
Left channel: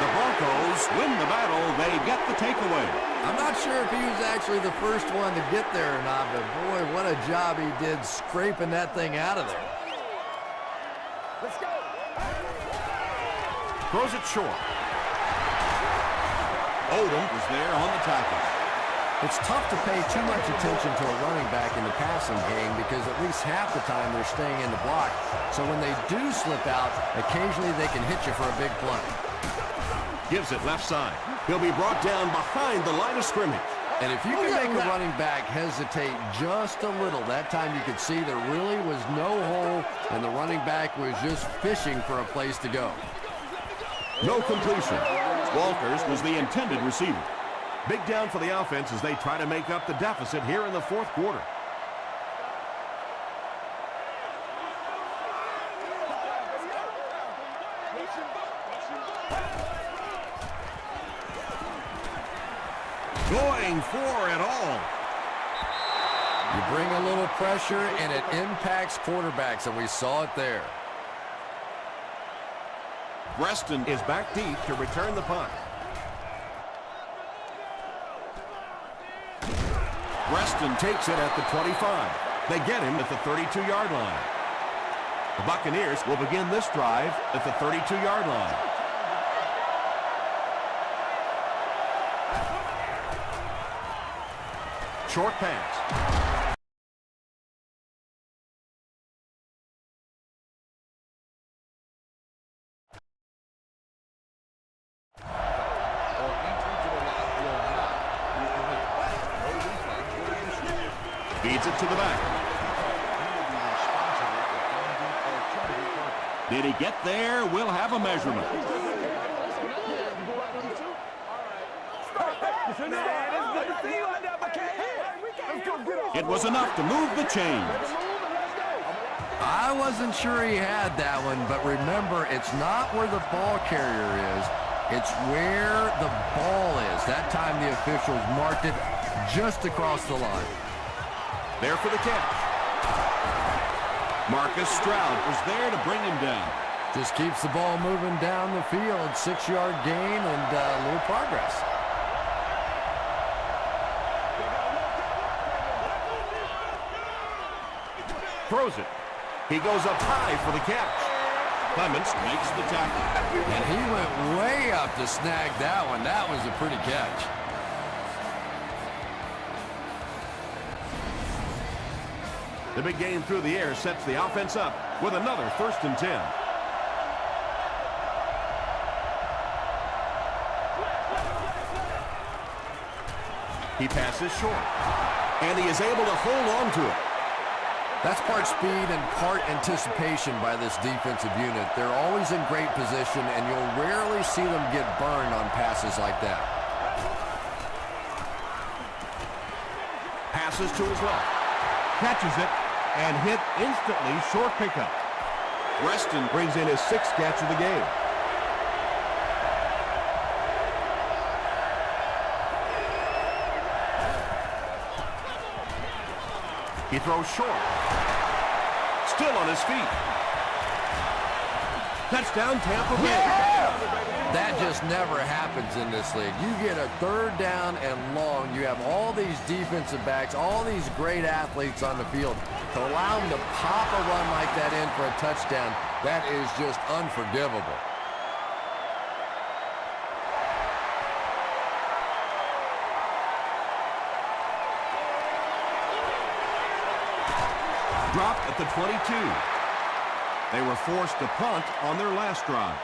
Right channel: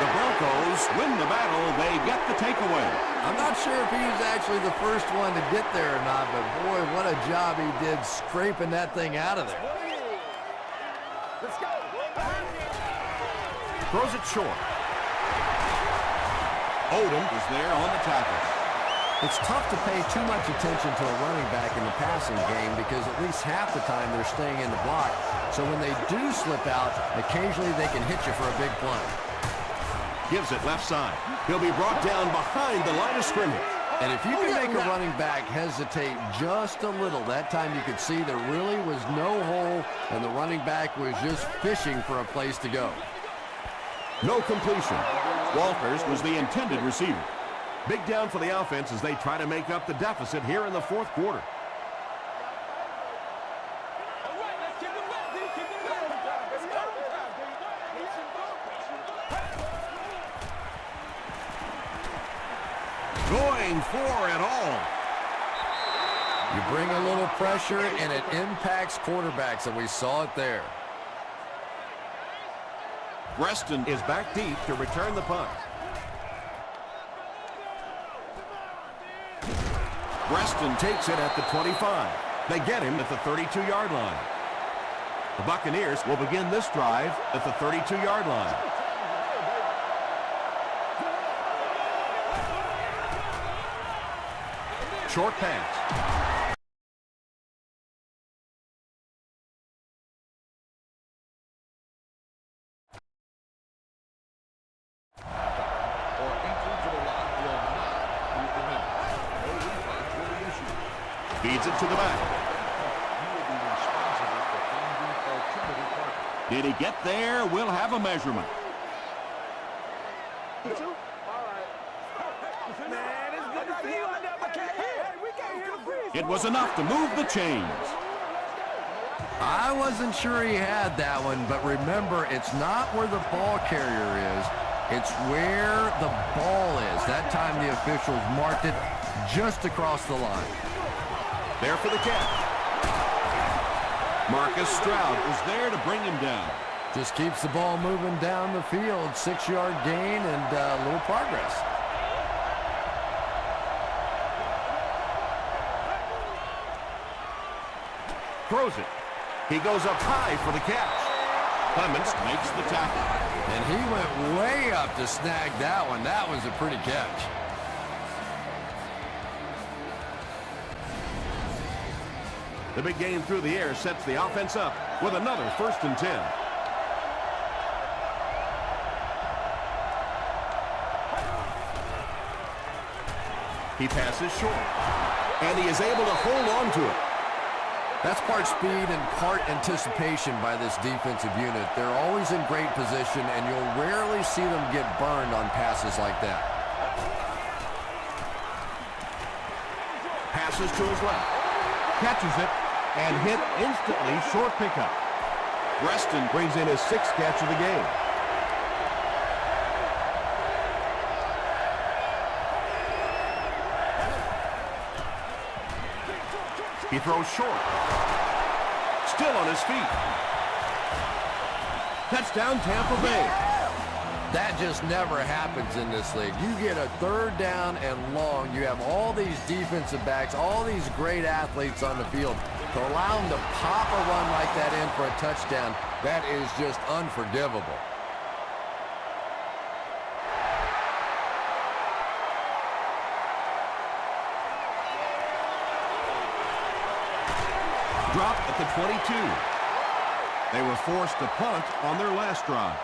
The Broncos win the battle. They get the takeaway. I'm not sure if he was actually the first one to get there or not, but boy, what a job he did scraping that thing out of there. Let's go. Throws it short. Odom is there on the tackle. It's tough to pay too much attention to a running back in the passing game because at least half the time they're staying in the block. So when they do slip out, occasionally they can hit you for a big play. Gives it left side. He'll be brought down behind the line of scrimmage. And if you can make a running back hesitate just a little, that time you could see there really was no hole and the running back was just fishing for a place to go. No completion. Walters was the intended receiver. Big down for the offense as they try to make up the deficit here in the fourth quarter. Going for it all. You bring a little pressure and it impacts quarterbacks, and we saw it there. Preston is back deep to return the punt. Preston takes it at the 25. They get him at the 32-yard line. The Buccaneers will begin this drive at the 32-yard line. Short pass. Feeds it to the back. Did he get there? We'll have a measurement. It was enough to move the chains. I wasn't sure he had that one, but remember, it's not where the ball carrier is. It's where the ball is. That time the officials marked it just across the line. There for the catch. Marcus Stroud was there to bring him down. Just keeps the ball moving down the field. 6-yard gain and a little progress. Throws it. He goes up high for the catch. Clements makes the tackle. And he went way up to snag that one. That was a pretty catch. The big game through the air sets the offense up with another 1st and 10. He passes short, and he is able to hold on to it. That's part speed and part anticipation by this defensive unit. They're always in great position, and you'll rarely see them get burned on passes like that. Passes to his left. Catches it and hit instantly. Short pickup. Preston brings in his 6th catch of the game. He throws short. Still on his feet. Touchdown, Tampa Bay. That just never happens in this league. You get a 3rd down and long. You have all these defensive backs, all these great athletes on the field. To allow them to pop a run like that in for a touchdown, that is just unforgivable. Dropped at the 22. They were forced to punt on their last drive.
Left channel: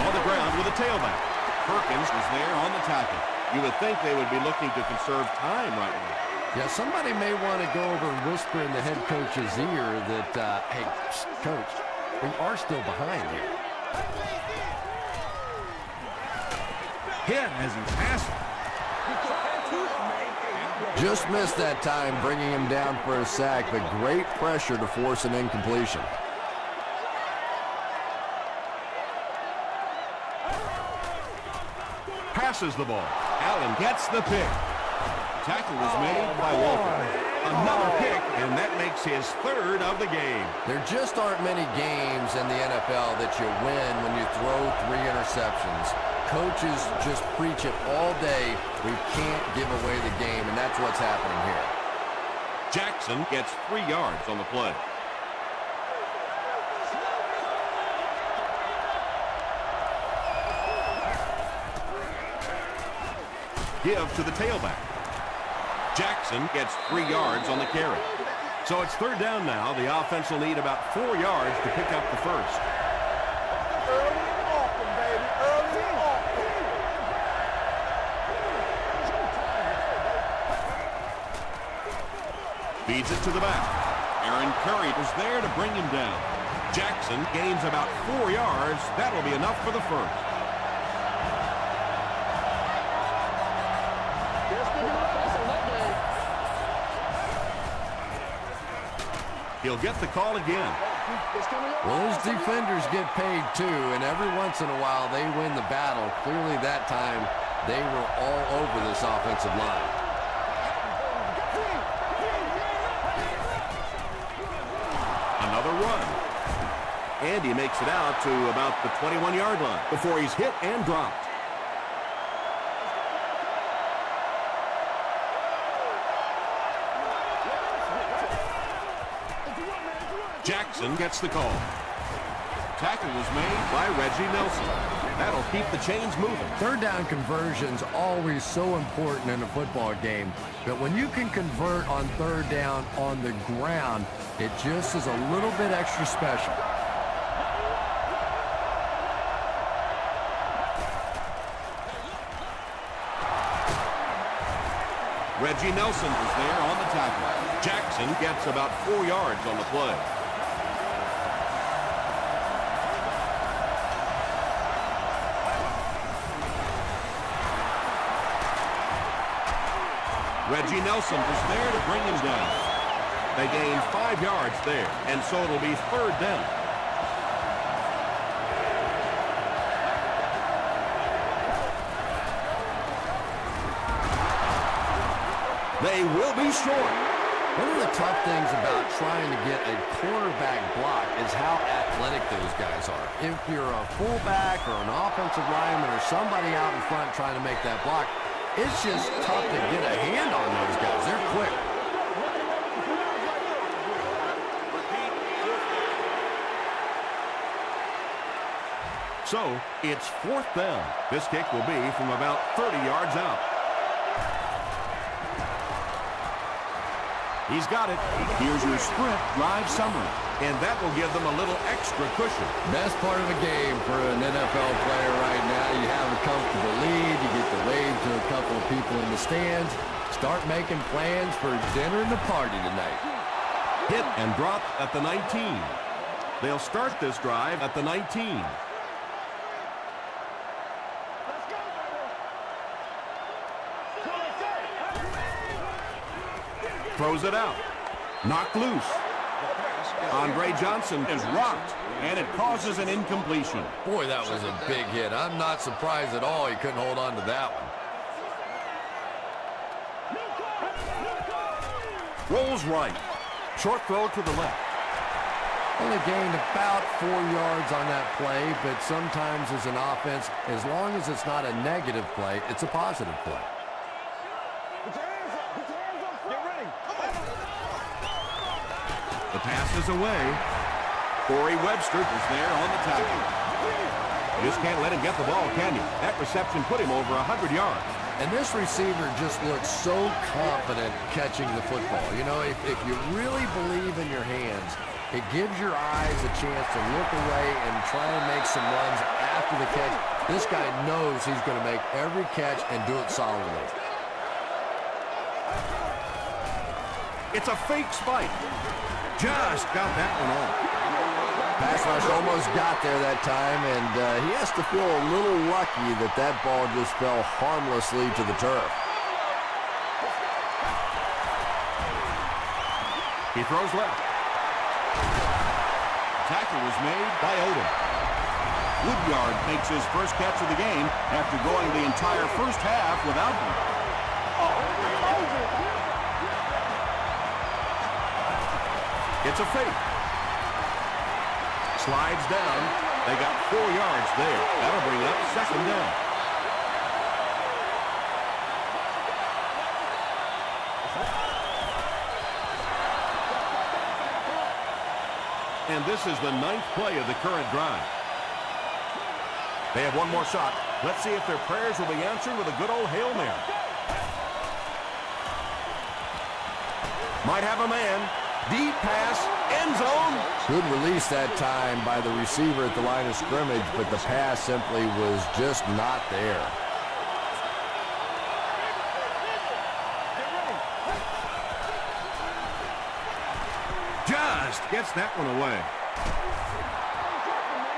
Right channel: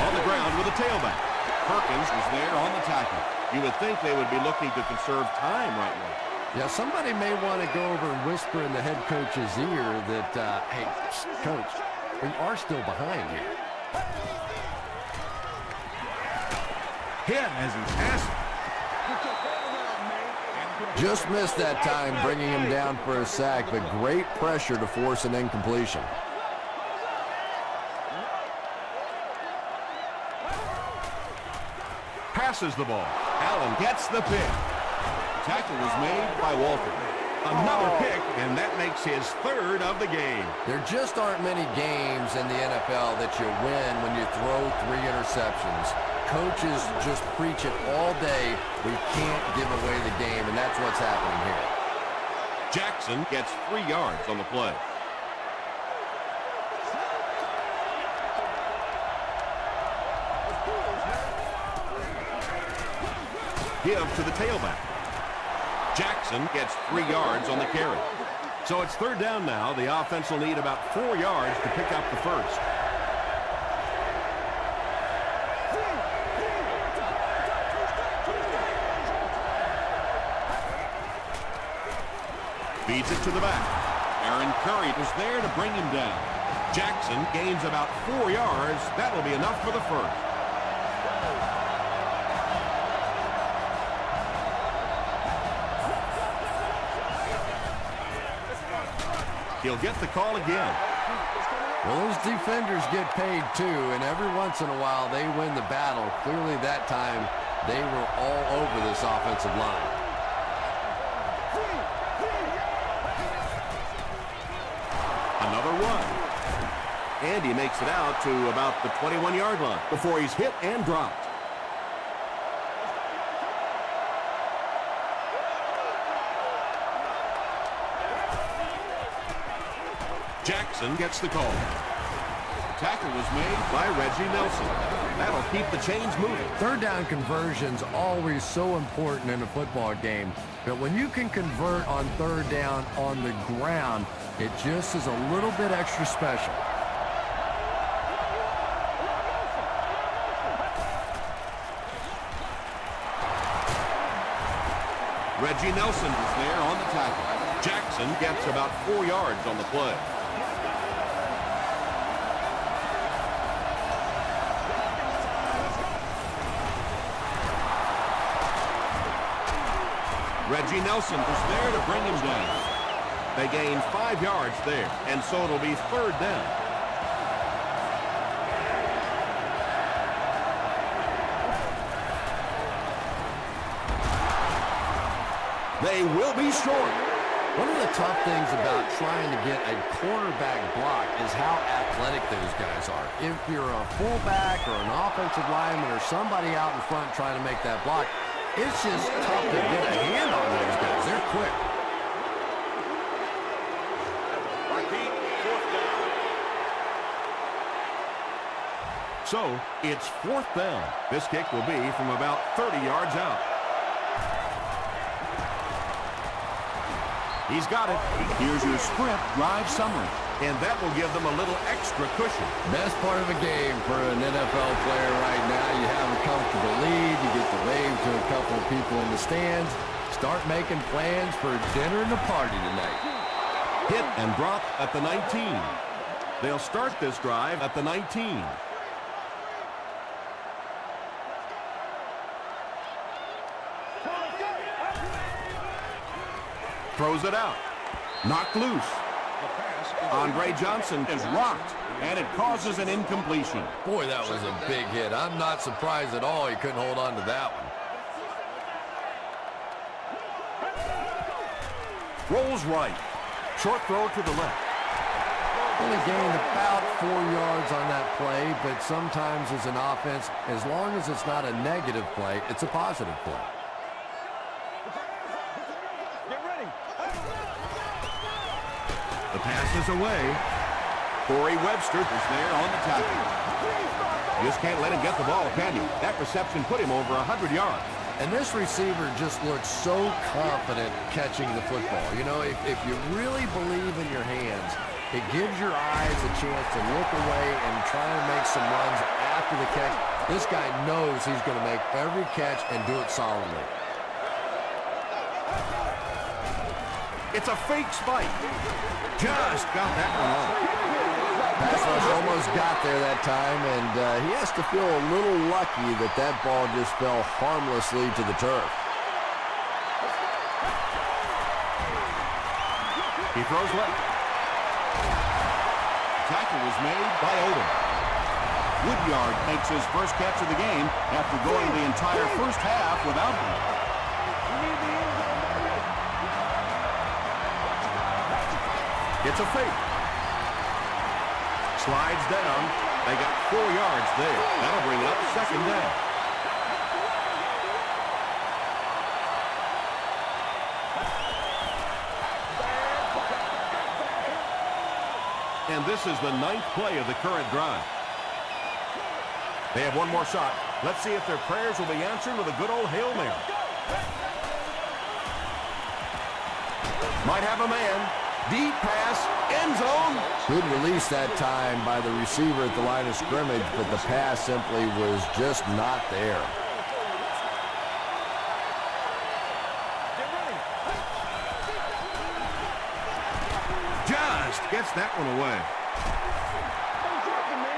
On the ground with a tailback. Perkins was there on the tackle. You would think they would be looking to conserve time right now. Yeah, somebody may want to go over and whisper in the head coach's ear that, hey, coach, we are still behind here. Hit as he passes. Just missed that time, bringing him down for a sack, but great pressure to force an incompletion. passes the ball. Allen gets the pick. Tackle was made by Walter. Another pick, and that makes his third of the game. There just aren't many games in the NFL that you win when you throw 3 interceptions. Coaches just preach it all day. We can't give away the game, and that's what's happening here. Jackson gets 3 yards on the play. Give to the tailback. Jackson gets 3 yards on the carry. So it's third down now. The offense will need about 4 yards to pick up the first. Feeds it to the back. Aaron Curry was there to bring him down. Jackson gains about 4 yards. That'll be enough for the first. He'll get the call again. Well, those defenders get paid too, and every once in a while they win the battle. Clearly that time they were all over this offensive line. Another run. And he makes it out to about the 21-yard line before he's hit and dropped. Jackson gets the call. Tackle was made by Reggie Nelson. That'll keep the chains moving. Third down conversion's always so important in a football game, but when you can convert on third down on the ground, it just is a little bit extra special. Reggie Nelson was there on the tackle. Jackson gets about 4 yards on the play. Reggie Nelson was there to bring him down. They gained 5 yards there, and so it'll be third down. They will be short. One of the tough things about trying to get a quarterback block is how athletic those guys are. If you're a fullback or an offensive lineman or somebody out in front trying to make that block, it's just tough to get a hand on those guys. They're quick. Repeat, fourth down. So, it's fourth down. This kick will be from about 30 yards out. He's got it. Here's your sprint drive summary. And that will give them a little extra cushion. Best part of a game for an NFL player right now. You have a comfortable lead. You get to wave to a couple of people in the stands. Start making plans for dinner and the party tonight. Hit and dropped at the 19. They'll start this drive at the 19. Throws it out. Knocked loose. Andre Johnson is rocked, and it causes an incompletion. Boy, that was a big hit. I'm not surprised at all he couldn't hold on to that one. Rolls right. Short throw to the left. Only gained about 4 yards on that play, but sometimes as an offense, as long as it's not a negative play, it's a positive play. The pass is away. Corey Webster is there on the tackle. You just can't let him get the ball, can you? That reception put him over 100 yards. And this receiver just looks so confident catching the football. You know, if you really believe in your hands, it gives your eyes a chance to look away and try to make some runs after the catch. This guy knows he's going to make every catch and do it solidly. It's a fake spike. Just got that one off. Pass rush almost got there that time, and he has to feel a little lucky that that ball just fell harmlessly to the turf. He throws left. Tackle was made by Odom. Woodyard makes his first catch of the game after going the entire first half without one. It's a fake. Slides down. They got 4 yards there. That'll bring it up second down. And this is the 9th play of the current drive. They have one more shot. Let's see if their prayers will be answered with a good old Hail Mary. Might have a man. Deep pass, end zone. Good release that time by the receiver at the line of scrimmage, but the pass simply was just not there. Just gets that one away.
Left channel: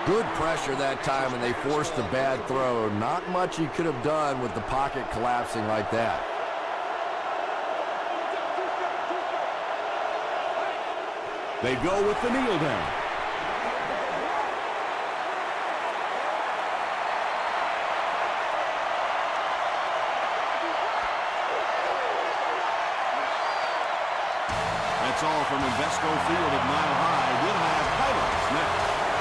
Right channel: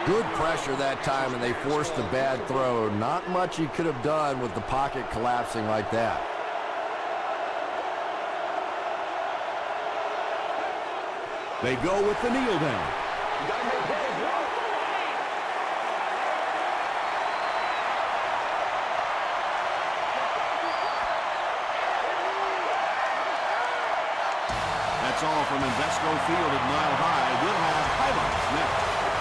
Good pressure that time, and they forced a bad throw. Not much he could have done with the pocket collapsing like that. They go with the kneel down. That's all from Invesco Field at Mile High. We'll have highlights next.